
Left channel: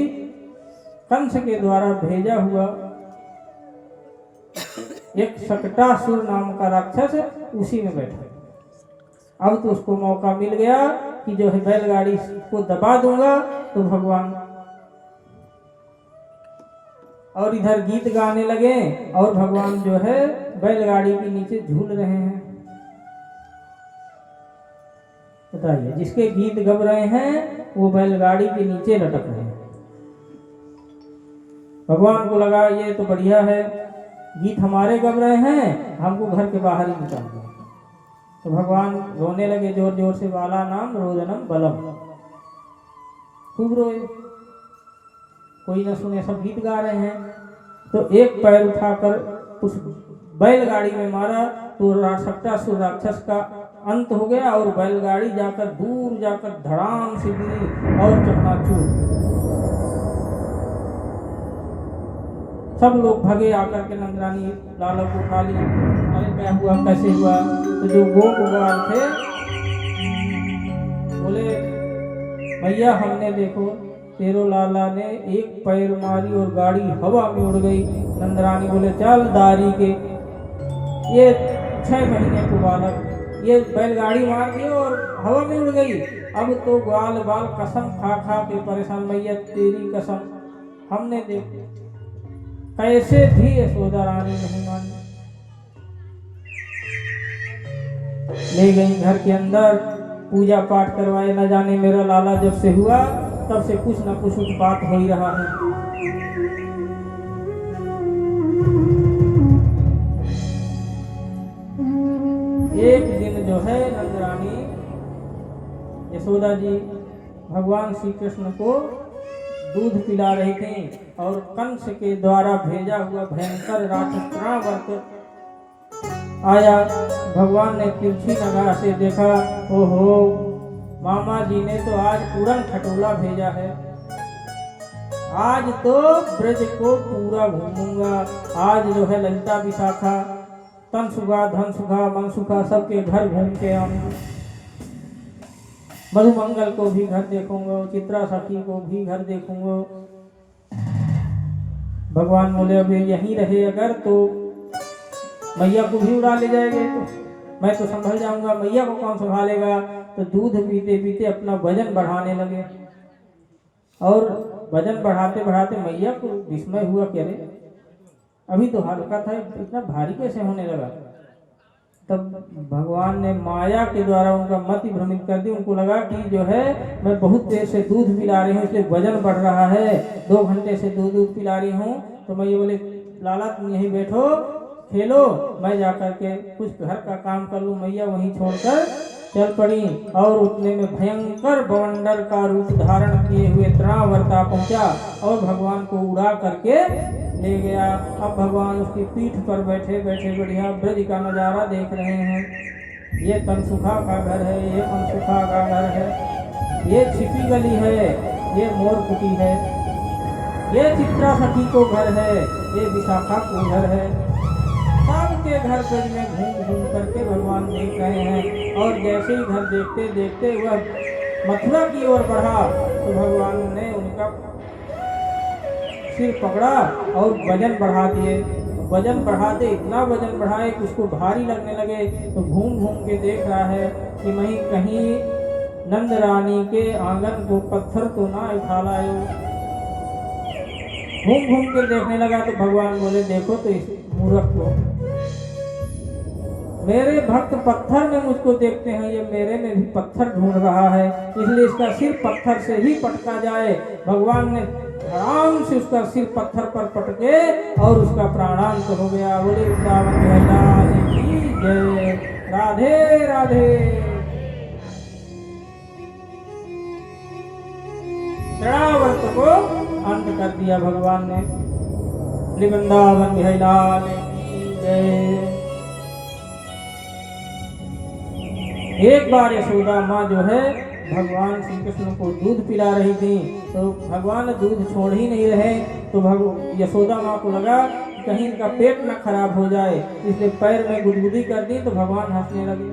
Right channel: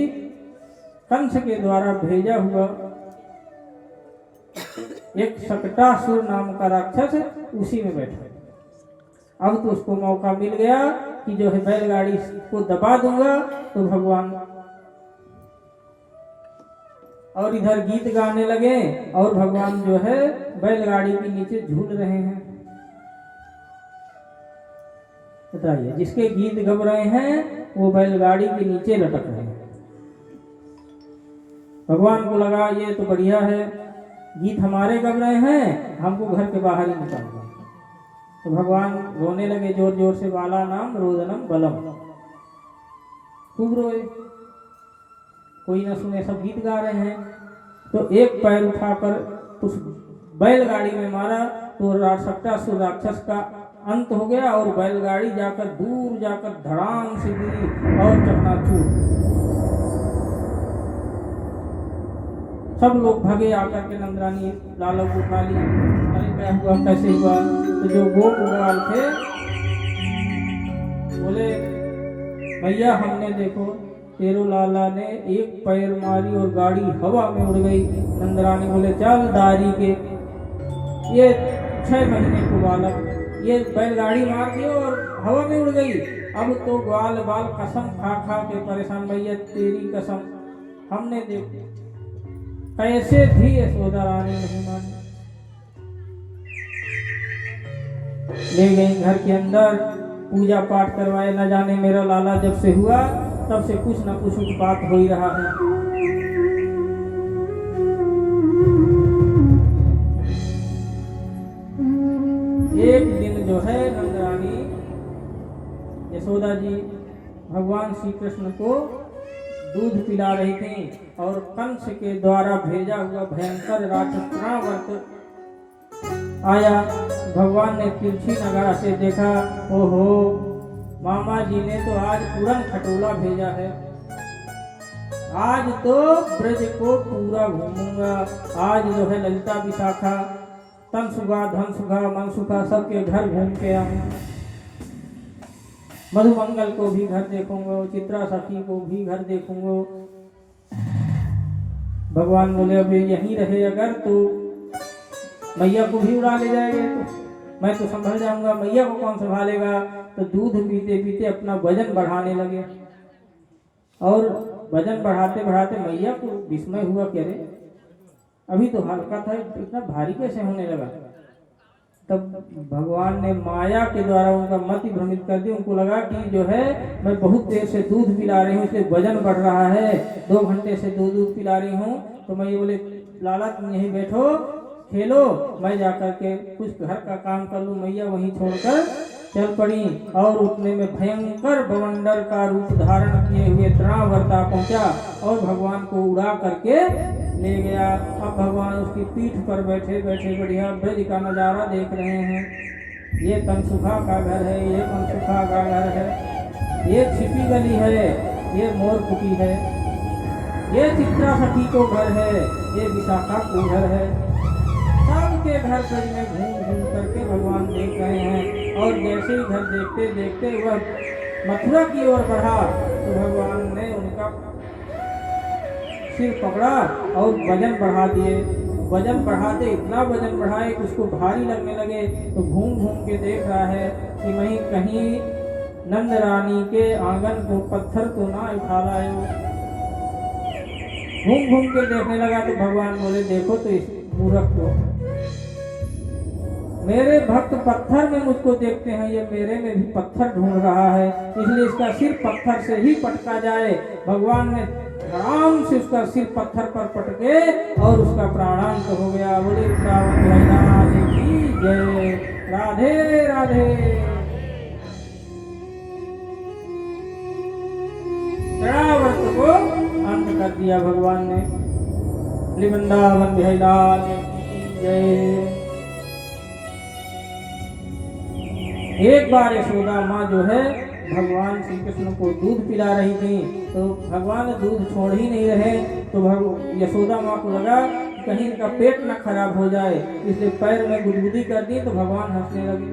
कंस के द्वारा भेजा हुआ एक शकटासुर नाम का राक्षस उसी में बैठा। अब तो उसको मौका मिल गया कि जो है बैलगाड़ी को दबा दूंगा तो भगवान, और इधर गीत गाने लगे और भगवान जो है बैलगाड़ी के नीचे झूल रहे हैं। बताइए, जिसके गीत गब रहे हैं वो बैलगाड़ी के नीचे लटक रहे हैं। भगवान को लगा ये तो बढ़िया है, गीत हमारे गब रहे हैं, हमको घर के बाहर ही निकाल दिया। तो भगवान रोने लगे जोर जोर से, बाला नाम रोदनम बलम, खूब रोए, कोई न सुने, सब गीत गा रहे हैं। तो एक पैर उठाकर उस बैलगाड़ी में मारा तो शकटासुर राक्षस का अंत हो गया, और बैलगाड़ी जाकर दूर जाकर धड़ाम से गिरी और चकनाचूर। सब लोग भगे आकर के नंदरानी लाला को उठा लिया। अरे क्या हुआ, कैसे हुआ? तो जो गोप ग्वाल थे बोले भैया हमने देखो तेरो लाला ने एक पैर मारी और गाड़ी हवा में उड़ गई। नंदरानी बोले चल दारी के, ये 6 महीने को बालक, ये बैलगाड़ी मार दी और हवा में उड़ गई। अब तो ग्वाल बाल कसम खा खा के परेशान, भैया तेरी कसम हमने देखी, कैसे भी यशोदा रानी नहीं मानी। ले गई घर के अंदर, पूजा पाठ करवाए। न जाने मेरा लाला जब से हुआ तब से कुछ न कुछ उत्पात हो ही रहा है। एक दिन जो है नंदरानी यशोदा जी भगवान श्री कृष्ण को दूध पिला रही थी, और कंस के द्वारा भेजा हुआ भयंकर राक्षस रावण आया। भगवान ने तिरछी निगाह से देखा, ओहो मामा जी ने तो आज पूरन खटोला भेजा है, आज तो ब्रज को पूरा घूमूंगा। आज जो है ललिता विशाखा तन सुखा धन सुखा मन सुखा सबके घर घूम के आऊंगा, मधुमंगल को भी घर देखूंगा, चित्रा सखी को भी घर देखूंगा। भगवान बोले अब यहीं रहे अगर तो मैया को भी उड़ा ले जाएंगे, तो मैं तो संभल जाऊंगा, मैया को कौन संभालेगा। तो दूध पीते पीते अपना वजन बढ़ाने लगे, और वजन बढ़ाते बढ़ाते मैया को विस्मय हुआ कि अरे अभी तो हल्का था, इतना भारी कैसे होने लगा। तब भगवान ने माया के द्वारा उनका मति भ्रमित कर दी। उनको लगा कि जो है मैं बहुत देर से दूध पिला रही हूँ इसलिए वजन बढ़ रहा है, 2 घंटे से दूध पिला रही हूँ। तो मैं ये बोले लाला तुम यहीं बैठो खेलो, मैं जाकर के कुछ घर का काम कर लूँ। मैया वहीं छोड़कर चल पड़ी, और उतने में भयंकर बवंडर का रूप धारण किए हुए त्रावर्ता पहुंचा और भगवान को उड़ा करके ले गया। अब भगवान उसकी पीठ पर बैठे बैठे बढ़िया ब्रज का नजारा देख रहे हैं। ये तनसुखा का घर है, ये मनसुखा का घर है, ये छिपी गली है, ये मोर कुटी है, ये चित्रा सखी को घर है, ये विशाखा को घर है। सबके घर ब्रज में घूम घूम करके भगवान देख रहे हैं। और जैसे ही घर देखते देखते वह मथुरा की ओर बढ़ा तो भगवान ने उनका सिर पकड़ा और वजन बढ़ा दिए। वजन बढ़ाते इतना वजन बढ़ाए कि उसको भारी लगने लगे। तो घूम घूम के देख रहा है कि मैं कहीं नंद रानी के आंगन को पत्थर तो ना उठा लायो। घूम घूम के देखने लगा तो भगवान बोले, देखो तो इस मूर्ख को, मेरे भक्त पत्थर में मुझको देखते हैं, ये मेरे में भी पत्थर ढूंढ रहा है, इसलिए इसका सिर पत्थर से ही पटका जाए। भगवान ने आराम से उसका सिर पत्थर पर पटके और उसका प्राणांत हो गया। बोले वृंदावन की जय, राधे राधे। चढ़ाव्रत को अंत कर दिया भगवान ने। वृंदावन बिहारी की जय। एक बार यशोदा माँ जो है भगवान श्री कृष्ण को दूध पिला रही थी, तो भगवान दूध छोड़ ही नहीं रहे। तो यशोदा माँ को लगा कि कहीं इनका पेट न खराब हो जाए, इसलिए पैर में गुदगुदी कर दी। तो भगवान हंसने लगे।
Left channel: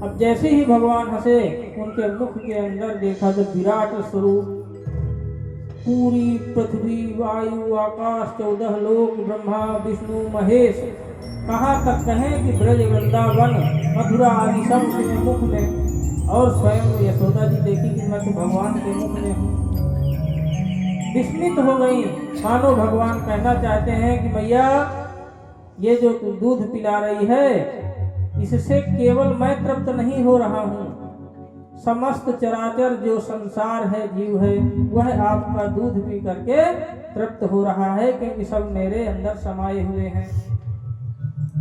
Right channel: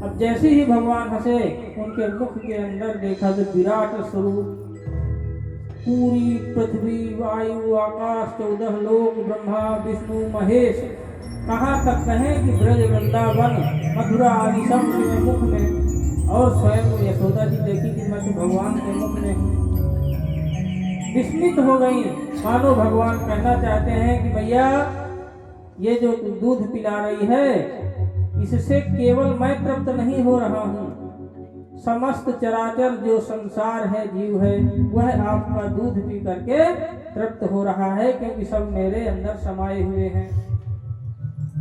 अब जैसे ही भगवान हंसे, उनके मुख के अंदर देखा तो विराट स्वरूप, पूरी पृथ्वी, वायु, आकाश, 14 लोक, ब्रह्मा विष्णु महेश, कहाँ तक कहें कि ब्रज वृंदावन मथुरा आदि सब के मुख में। और स्वयं यशोदा जी देखी कि मैं तो भगवान के मुख में हूँ, विस्मित हो गई। मानो भगवान कहना चाहते हैं कि भैया ये जो तू दूध पिला रही है, इससे केवल मैं तृप्त नहीं हो रहा हूँ, समस्त चराचर जो संसार है, जीव है, वह आपका दूध पी करके तृप्त हो रहा है, क्योंकि सब मेरे अंदर समाये हुए हैं।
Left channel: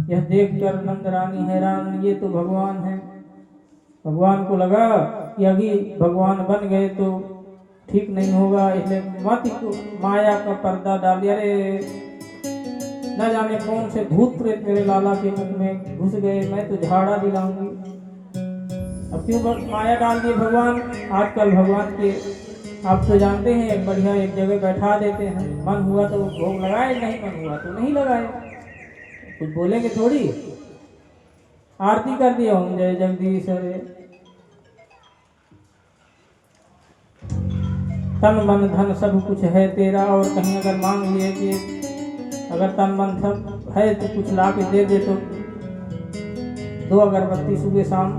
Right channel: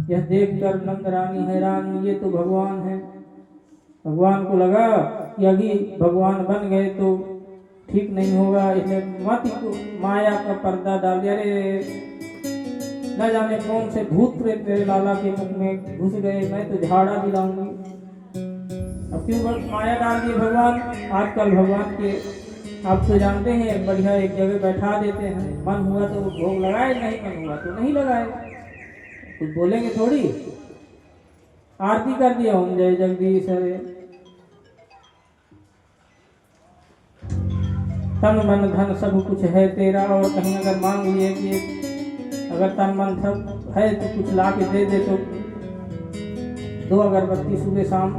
यह देखकर नंद रानी हैरान, ये तो भगवान है। भगवान को लगा कि अभी भगवान बन गए तो ठीक नहीं होगा, इसलिए मत माया का पर्दा डाल दिया। अरे न जाने कौन से भूत प्रेत मेरे लाला के मुख में घुस गए, मैं तो झाड़ा दिलाऊंगी। अब क्यों माया डाल दिए भगवान। आजकल भगवान के आप तो जानते हैं, बढ़िया एक जगह बैठा देते हैं, मन हुआ तो भोग लगाए, नहीं मन हुआ तो नहीं लगाए, कुछ बोलेंगे थोड़ी। आरती कर दिया, ओम जय जगदीश हरे। तन मन धन सब कुछ है तेरा, और कहीं अगर मांग लिए कि अगर तन मन सब है तो कुछ ला के दे दे, तो 2 अगरबत्ती सुबह शाम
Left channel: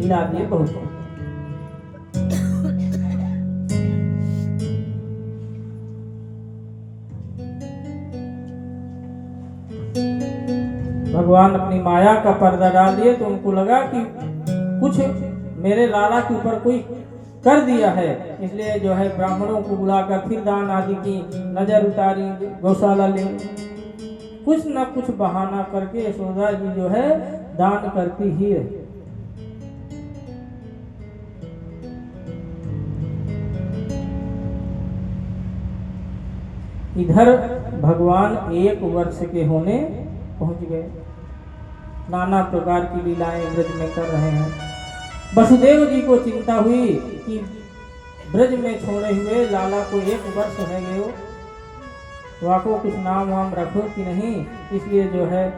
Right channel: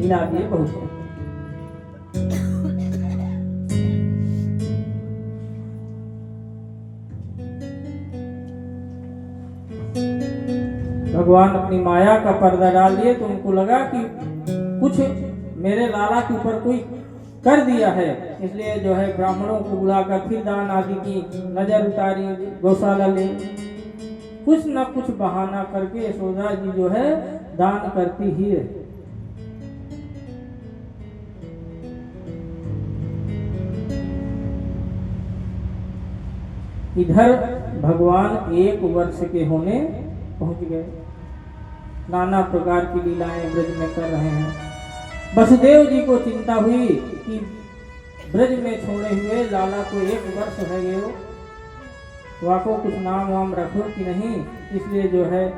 मिला दिए, बहुत। भगवान अपनी माया का पर्दा डाल दिए, तो उनको लगा कि कुछ मेरे लाला के ऊपर कोई कर दिया है, इसलिए जो है ब्राह्मणों को बुलाकर फिर दान आदि की नजर उतारी, गौशाला ले, कुछ न कुछ बहाना करके यशोदा जी जो है दान करती ही है। इधर भगवान 1 वर्ष के होने पहुंच गए, नाना प्रकार की लीलाएं ब्रज में कर रहे हैं। वसुदेव जी को चिंता हुई कि ब्रज में छोड़े हुए लाला को 1 वर्ष है गए, वाको कुछ नाम वाम रखो कि नहीं, इसलिए जो है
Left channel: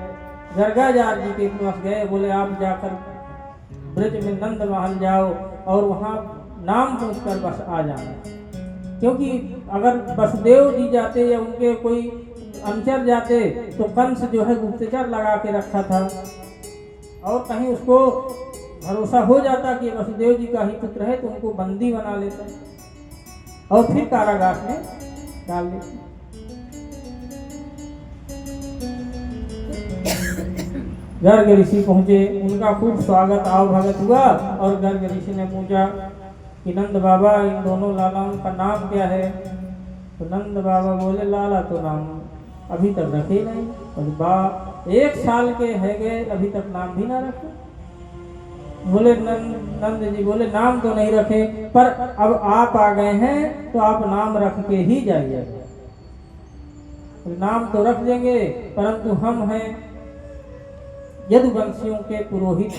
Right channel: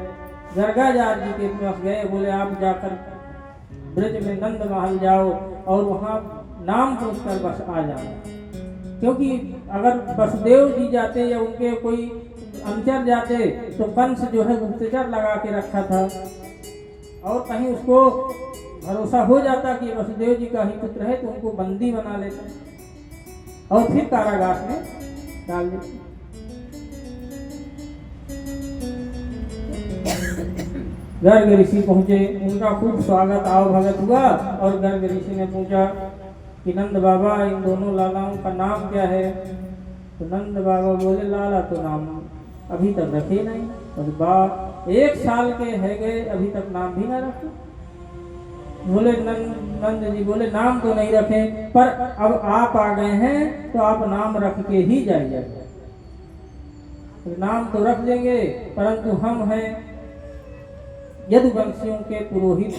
गर्गाचार्य जी के पास गए। बोले आप जाकर ब्रज में नंद महल जाओ और वहाँ नाम पूछकर बस आ जाना, क्योंकि अगर वसुदेव जी जाते या उनके कोई अनुचर जाते तो कंस जो है गुप्तचर लगा के रखा था, और कहीं उसको भरोसा हो जाता कि वसुदेव जी का ही पुत्र है तो उनको बंदी बना लेता और फिर कारागार में डाल देता। गर्ग ऋषि पहुंचे, उनका खूब स्वागत आओ भगत हुआ, और गर्ग ऋषि ने पूछा कि नंद बाबा इन दोनों लालाओं का नाम क्या है। तो नंद बाबा बोले लाला तो नाम अभी तक रखे नहीं, और 1 साल के है गए अभी तक नाम भी ना रखे। बोले नंद जी बोले नाम तो नहीं रखे, पर अब आप आ गए हैं तो आप नाम रख के ही जाइए। तो नाम तो रख देंगे, परंतु हम हैं यदुवंशियों के पुरोहित,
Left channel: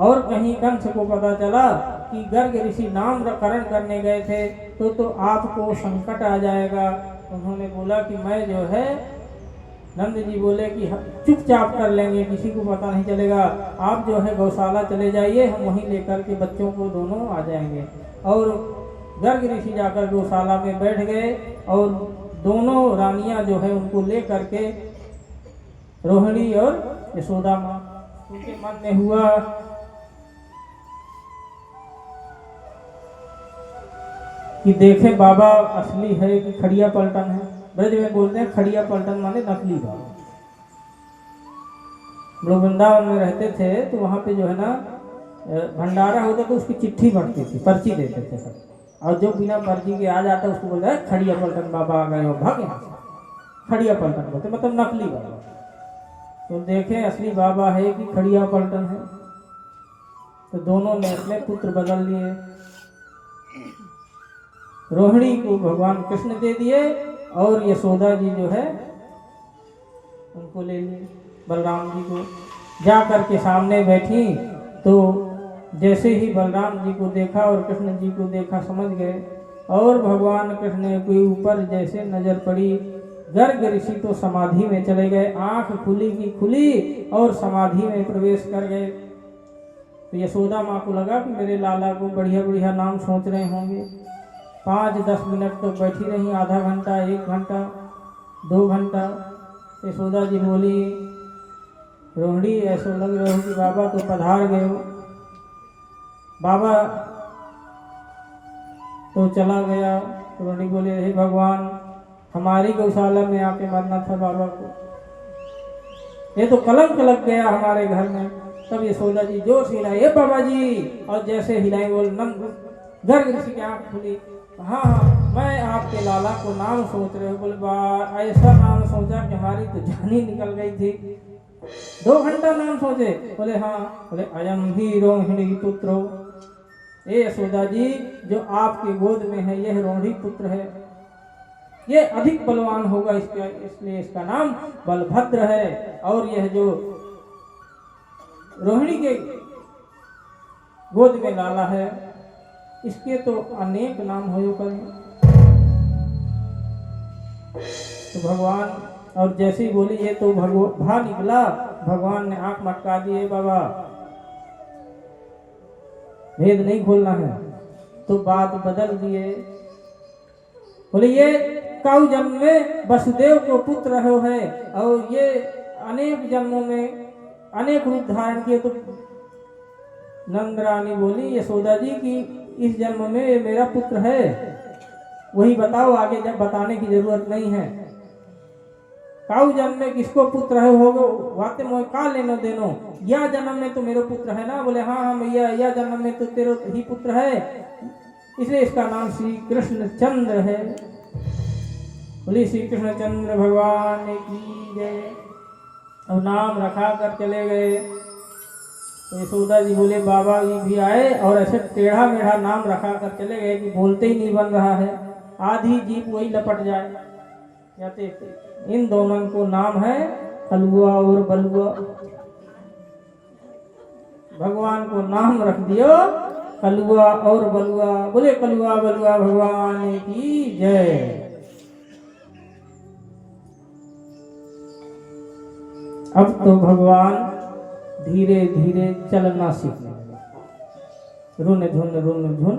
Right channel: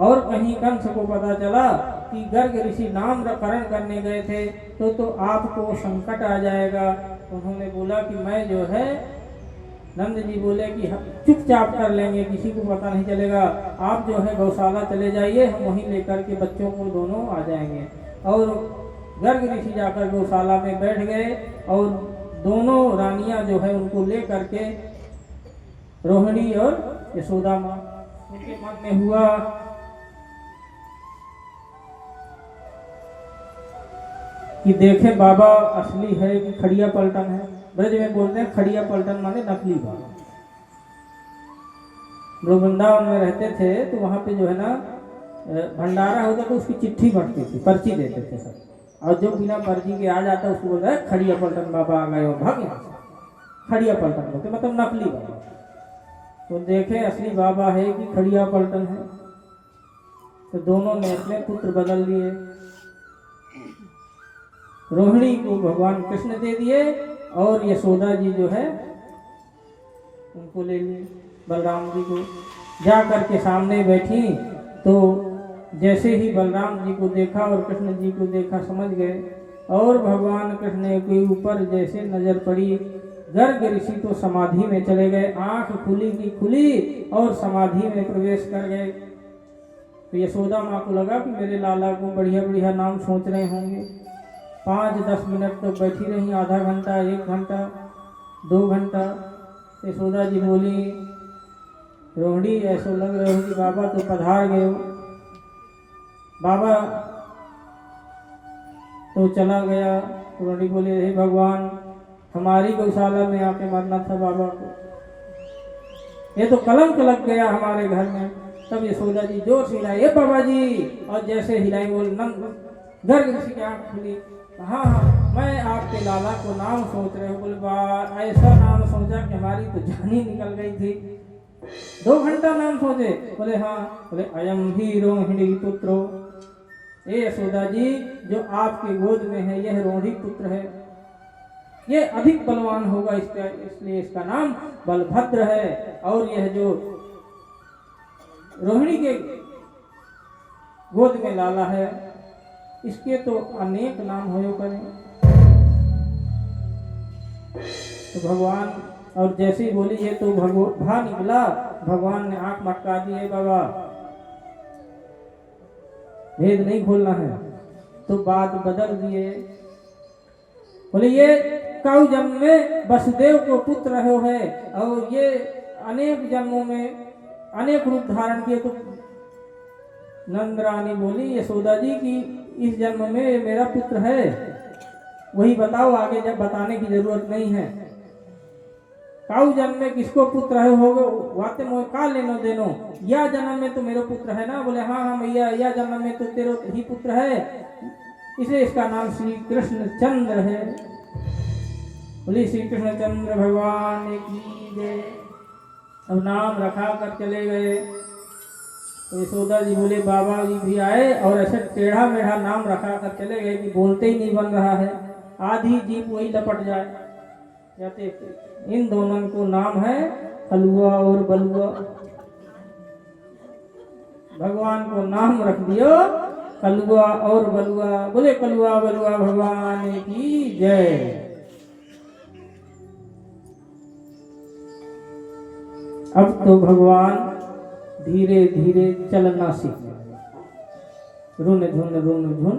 और कहीं कंस को पता चला कि गर्ग ऋषि नामकरण करने गए थे तो आपको संकट आ जाएगा। उन्होंने बोला कि मैं जो है, नंद जी बोले कि हम चुपचाप कर लेंगे, किसी को पता नहीं चलेगा, आप जो है गौशाला चले जाइए, हम वहीं लेकर के बच्चों को दोनों आ जाएंगे। और गर्ग ऋषि जाकर गौशाला में बैठ गए और दोनों रानियां जो है उनको ले करके रोहिणी और यशोदा माँ, उनके मन में हुआ कि देखें बाबा असली है कि खड़िया पलटन है। ब्रज में बोलते हैं खड़िया पलटन माने नकली बाबा। लोग वृंदावन में रहते थे तो वहाँ पे जो है ना भंडारा होता तो उसकी चिट्ठी बढ़ती थी, पर्ची देते थे सब, और जो बिना पर्ची के आ जाता उसको बोलता है खड़िया पलटन बाबा आ गए हो, भाग यहाँ से। खड़िया पलटन बोलते मतलब नकली बाबा। तो देखें असली बाबा है कि खड़िया पलटन है। तो दोनों ने अपने पुत्र बदल दिए, रोहिणी को भगवान कृष्ण दे दिए और यशोदा जी जो है उनको ले लिए, बलराम जी को। जा कर के सामने बैठी तो जैसे ही बलराम जी को देखा और कृष्ण जी को देखा समझ गए, और भगवान कृष्ण के ऊपर जैसे नजर पड़ी, गर्ग ऋषि तो समाधि में चले गए, आंख खुली की खुली और समाधि में प्रवेश कर गए। तो यशोदा माँ को लगा कि मेरे लाला को बढ़िया बढ़िया नाम सोच रहे होंगे। 5-10 मिनट तो बैठी रही, आधा घंटा, 1 घंटा, 2 घंटा। यशोदा जी बोली, रोहिणी ऐसा लग रहा हो कि बाबा तो पधार गए हो। बाबा तो चला गया। रोहिणी बोली, हे भगवान, हमारी गौशाला में आके मरना था बाबा को, ये तो कलंक लग गया हमारे घर में। तब यशोदा जी जोर से हिलाई, हे बाबा जी, और जैसे हिलाई बोल गर्ग ऋषि की आंख खुली। हाँ हाँ, मैं आपके लाला को नाम सोच रहे हो। बोले ऐसा नाम सोचा कि हमारी तो जान ही निकल गई थी। 2 घंटा नाम सोचे। बोले हाँ। बोले अयम ही रोहिणी पुत्रो, ये यशोदा जी जो आपके गोद में है यह रोहिणी पुत्र है, ये अधिक बलवान होगा, इसका इसलिए इसका नाम बलभद्र है। और यह जो रोहिणी के गोद में लाला है इसके तो अनेक नाम हो करें। तो भगवान और जैसे ही बोली ये तो भा निकला, भगवान ने आंख मटका दी, बाबा भेद नहीं खोलना है। तो बात बदल दिए, बोले ये कौ जन्म में वसुदेव को पुत्र हो है और ये अनेक जन्मों में अनेक रूप धारण किए। तो नंद रानी बोली यशोदा जी की इस जन्म में ये मेरा पुत्र है, वही बताओ, आगे जब बताने की जरूरत नहीं है। काऊ जन्म में किसको पुत्र है होगो, वाते मोह का लेनो देनो, या जन्म में तो मेरा पुत्र है ना। बोले हाँ हाँ मैया, या जन्म में तो तेरा ही पुत्र है, इसलिए इसका नाम श्री कृष्ण चंद्र है। बोले श्री कृष्ण चंद्र भगवान की जय। अब नाम रखा कर चले गए। तो यशोदा जी बोले बाबा जी भी आए और ऐसे टेढ़ा मेढ़ा नाम रखा कर चले गए कि बोलते ही नहीं बन रहा है, आधी जीप वही लपट जाए। कहते इन दोनों को नाम है कलुआ और बलुआ। भगवान को नाम रख दियो कलुआ और बलुआ। बोले कलुआ बलुआ भगवान की जय। अब तो भगवान धीरे धीरे चलना सीखने लगे, रुन झुन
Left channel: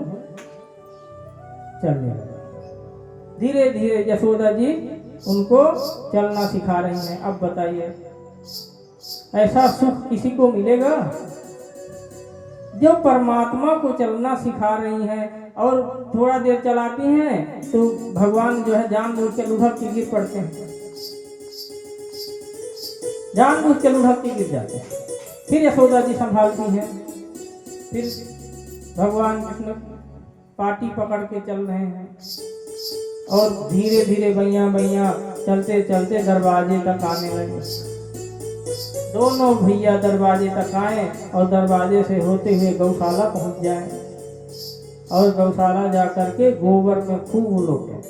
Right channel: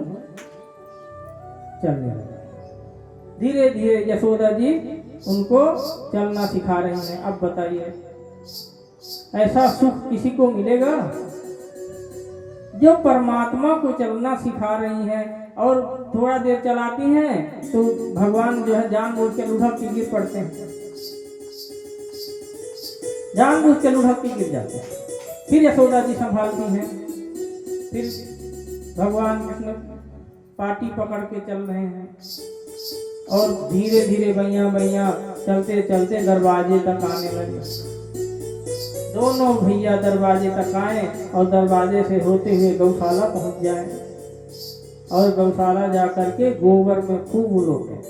चलने लगे। धीरे धीरे यशोदा जी उनको चलना सिखा रही हैं। अब बताइए ऐसा सुख किसी को मिलेगा जो परमात्मा को चलना सिखा रही हैं और थोड़ा देर चलाती हैं तो भगवान जो है जानबूझ के लुढ़क के गिर पड़ते हैं, जानबूझ के लुढ़क के गिर जाते हैं। फिर यशोदा जी संभालती हैं, फिर भगवान कृष्ण पाटी पकड़ के चल रहे हैं और धीरे धीरे बैया बैया चलते चलते दरवाजे तक आने लगे। दोनों भैया दरवाजे तक आए और दरवाजे से होते हुए गौशाला पहुंच जाए और गौशाला जा करके गोबर में खूब लोटे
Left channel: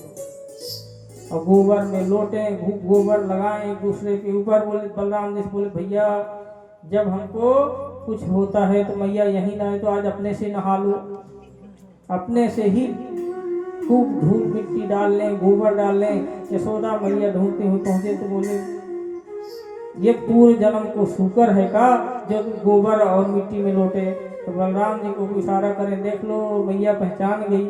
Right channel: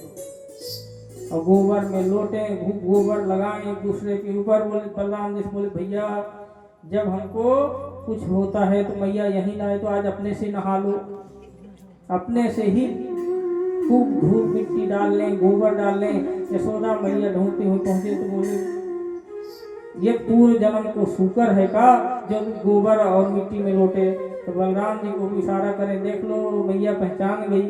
और गोबर में लोटे, गोबर लगाए एक दूसरे के ऊपर। बोले बलराम जी बोले भैया जब हमको कुछ होता है तो मैया यहीं ना आए तो आज अपने से नहा लो, अपने से ही खूब धूल मिट्टी डाल लें, गोबर डाल लें। यशोदा मैया ढूंढते हुए पहुंचे तो बोले ये पूर्व जन्म को शुकर है का जो गोबर और मिट्टी में लोटे। तो बलराम जी को इशारा करें, देख लो मैया पहचान गई।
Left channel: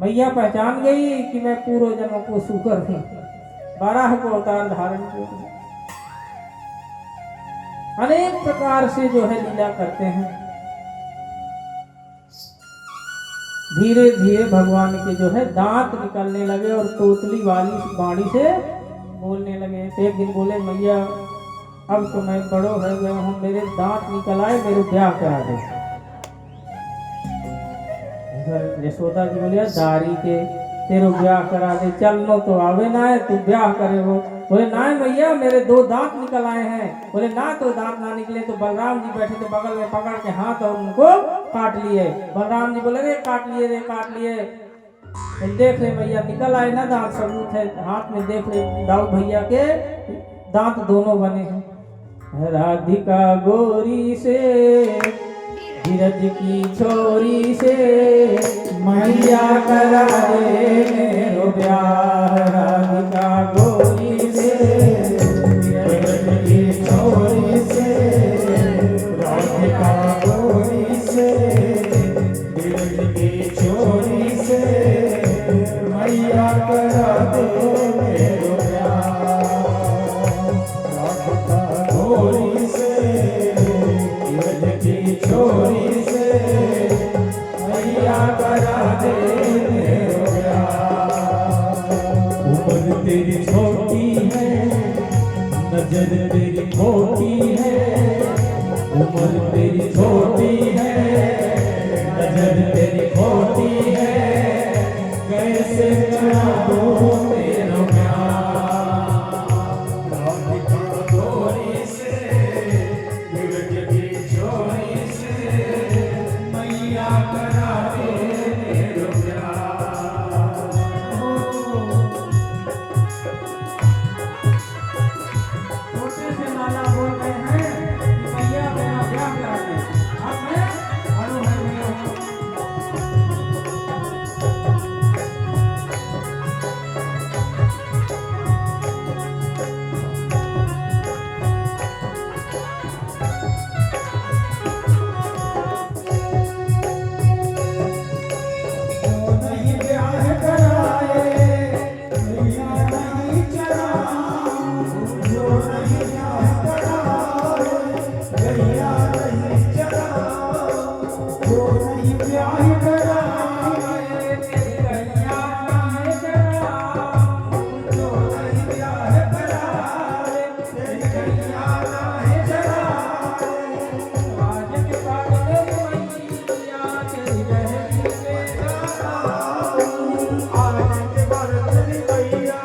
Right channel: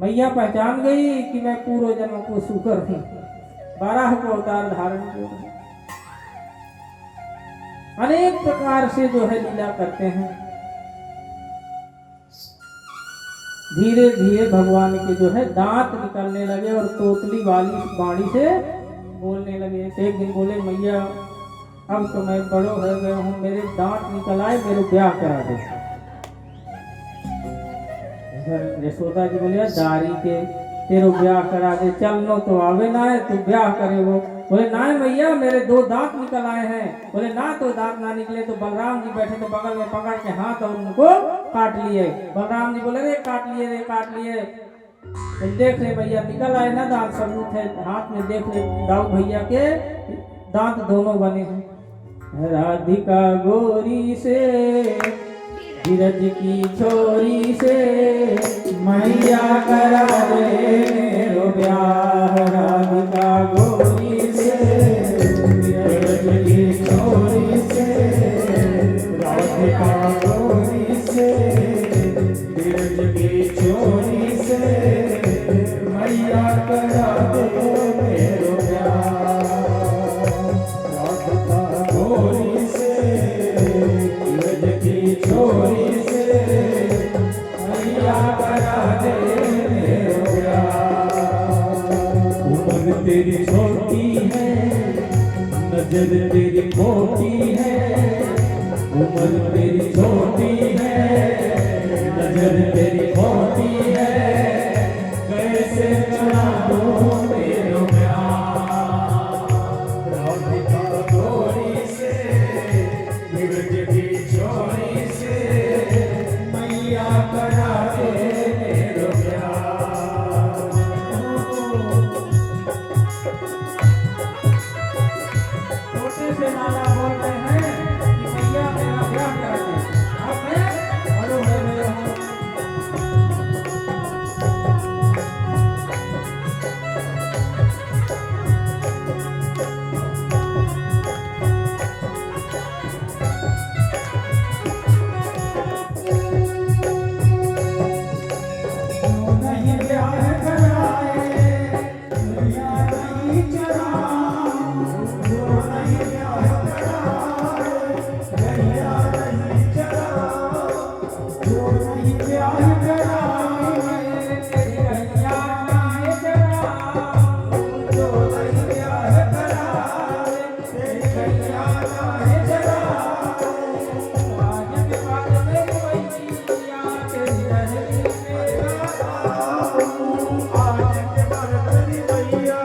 मैया पहचान गई कि मैं पूर्व जन्म को सुकर हूँ, 12 को अवतार धारण किया। अनेक प्रकार से जो है लीला करते हैं। धीरे धीरे भगवान के जो है दांत निकलने लगे और तोतली वाली वाणी से बोलने लगे। एक दिन बोले, मैया अब तो मैं बड़ो हो गया हूँ, मेरे दांत निकल आए, मेरे ब्याह करा दे। यशोदा जी बोलिया, दारी के तेरो ब्याह करा दे, चलनो तो आवे ना है, तू ब्याह करे वो। बोले ना मैया, मेरे 2 दांत निकल आए हैं। बोले ना, तो दांत ना निकले तो बलराम जी बैठे थे बगल में, पकड़ के हाथ और उनको काट लिए। बलराम जी बोले, रे काट लिए, रे काट लिए। तो देख ले भैया, निकल आए ना दांत, सबूत है हाथ में, देख ले दाऊद भैया के दांत दोनों बने हैं। राधिका गोरी से, धीरज की छोरी से, मैया करा दे मेरो ब्याह। राधिका गोरी से, धीरज की छोरी से, राधिका गोरी से, धीरज की छोरी से, मैया करा दे मेरो ब्याह। राधिका गोरी से, धीरज की छोरी से, मैया करा दे मेरो ब्याह। उम्र तेरी छोटी है, नजर तेरी मोटी है। उम्र तेरी छोटी है, नजर तेरी मोटी है। कैसे करा दूं तेरा प्यार। राधिका गोरी से, धीरज की छोरी से, मैया करा दे मेरो प्यार। छोटे से माला बोल रहे हैं कि मैया मेरा ब्याह करा दे। अब मैं बड़ो हो गया हूँ। नहीं ब्याह कराए, मैया नहीं चराए। जो नहीं ब्याह कराए, मैया नहीं चराए। जो नहीं ब्याह कराए, मैया नहीं चराए। जो नहीं ब्याह कराए, मैया नहीं चराए। आज के बाद में मैया तेरी रहेगी मेरा। आज के बाद तेरी मैया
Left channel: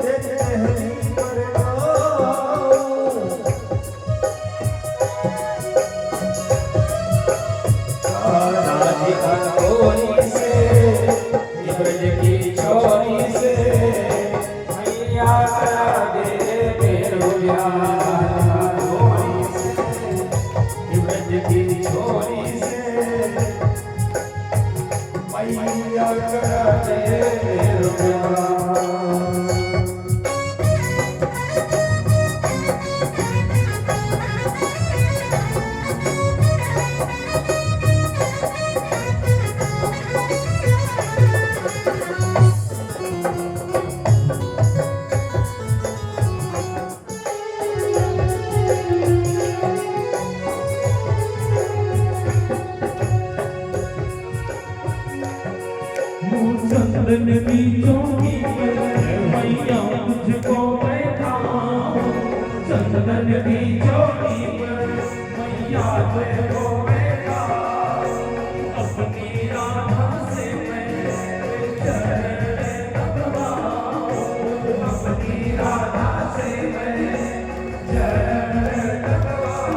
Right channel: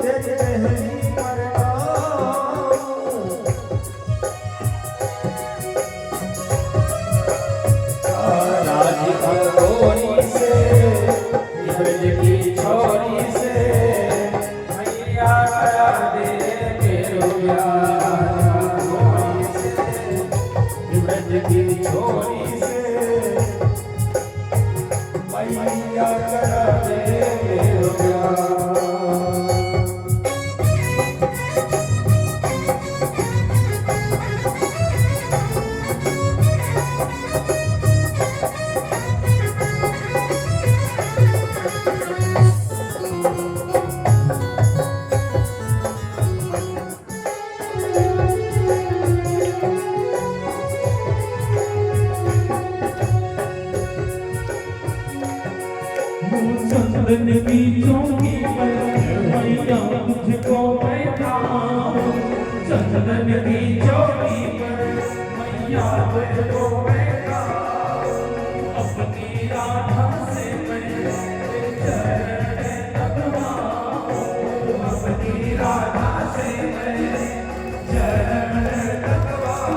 तेरे रहनी पड़ेगा। राधिका गोरी से, धीरज की छोरी से, मैया करा दे मेरो ब्याह। गोरी से, धीरज की छोरी से, मैया करा दे मेरो ब्याह। चंद्रन बीचों की मैया मुझको बैठाओ। चंद्रन बीचों की मैया मुझको बैठाओ। अपनी राधा से मैं चरण लगवाऊं। अपनी राधा से मैं चरण लगवाऊं।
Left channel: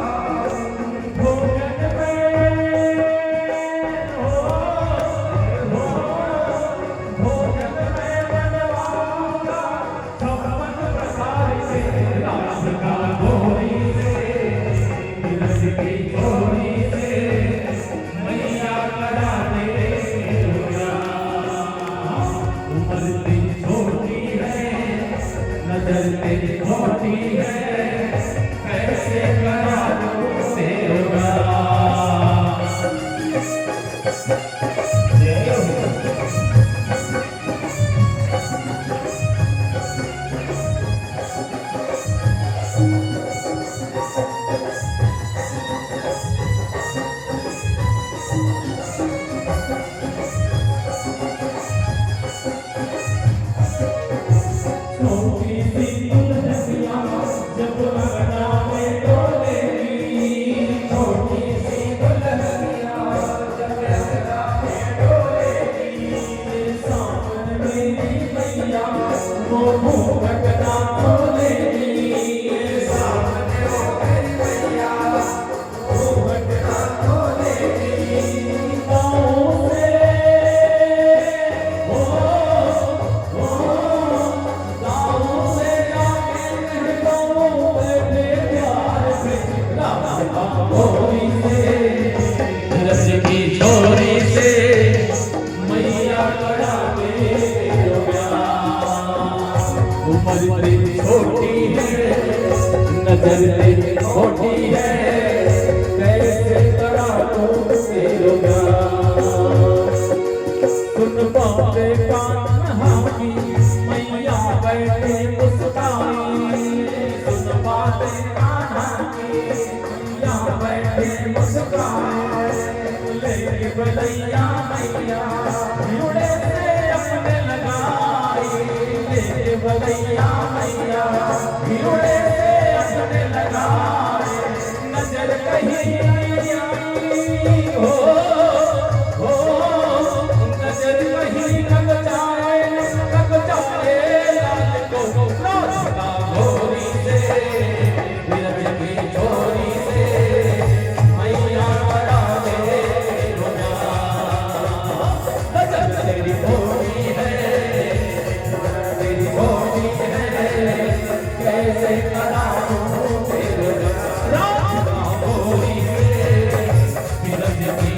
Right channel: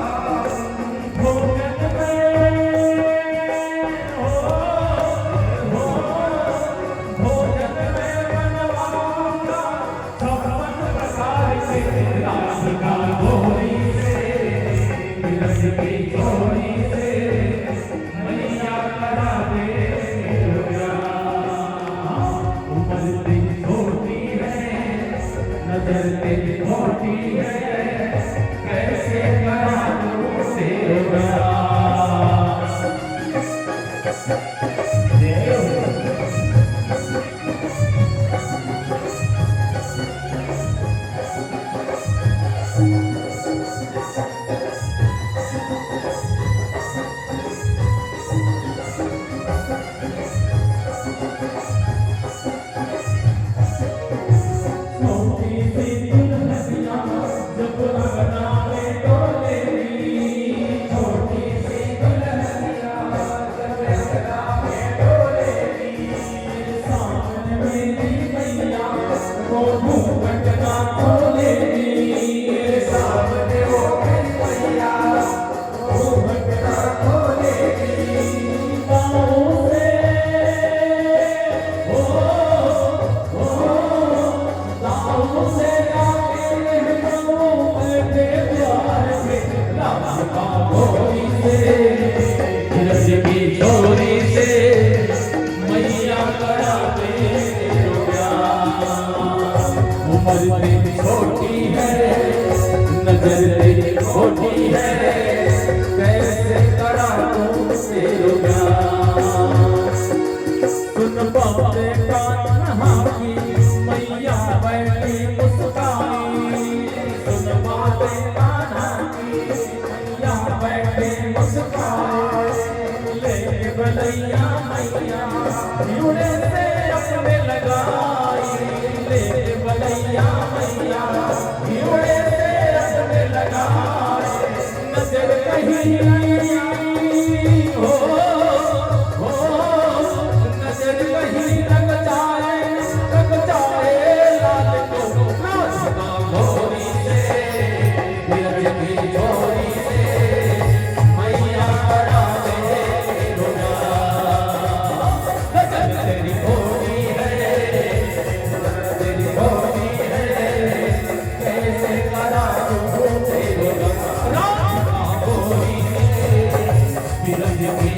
भोजन में राधिका गोरी से, धीरज की छोरी भोरी से रज की चोरी से मैया करावे जो प्यार। उम्र तेरी छोटी है नजर तेरी खोटी है कैसे करा तो तेरो प्यार। सुन बातें कान्हा की मैया बैठी मुस्काई। सुन बातें कान्हा की मैया बैठी मुस्काई। ले बलैया मैया भिड़े से अपने लगाई। ले बलैया मैया भिड़े से अपने लगाई। नजर कहीं हो नजर कहीं लग जाए लाल को नाचता भोरी से विरज की चोरी से मैया करावे जो प्यार। नजर तेरी भोरी है तेरी भोरी है कैसे करा तू तेरो प्यार। भोरी विरज की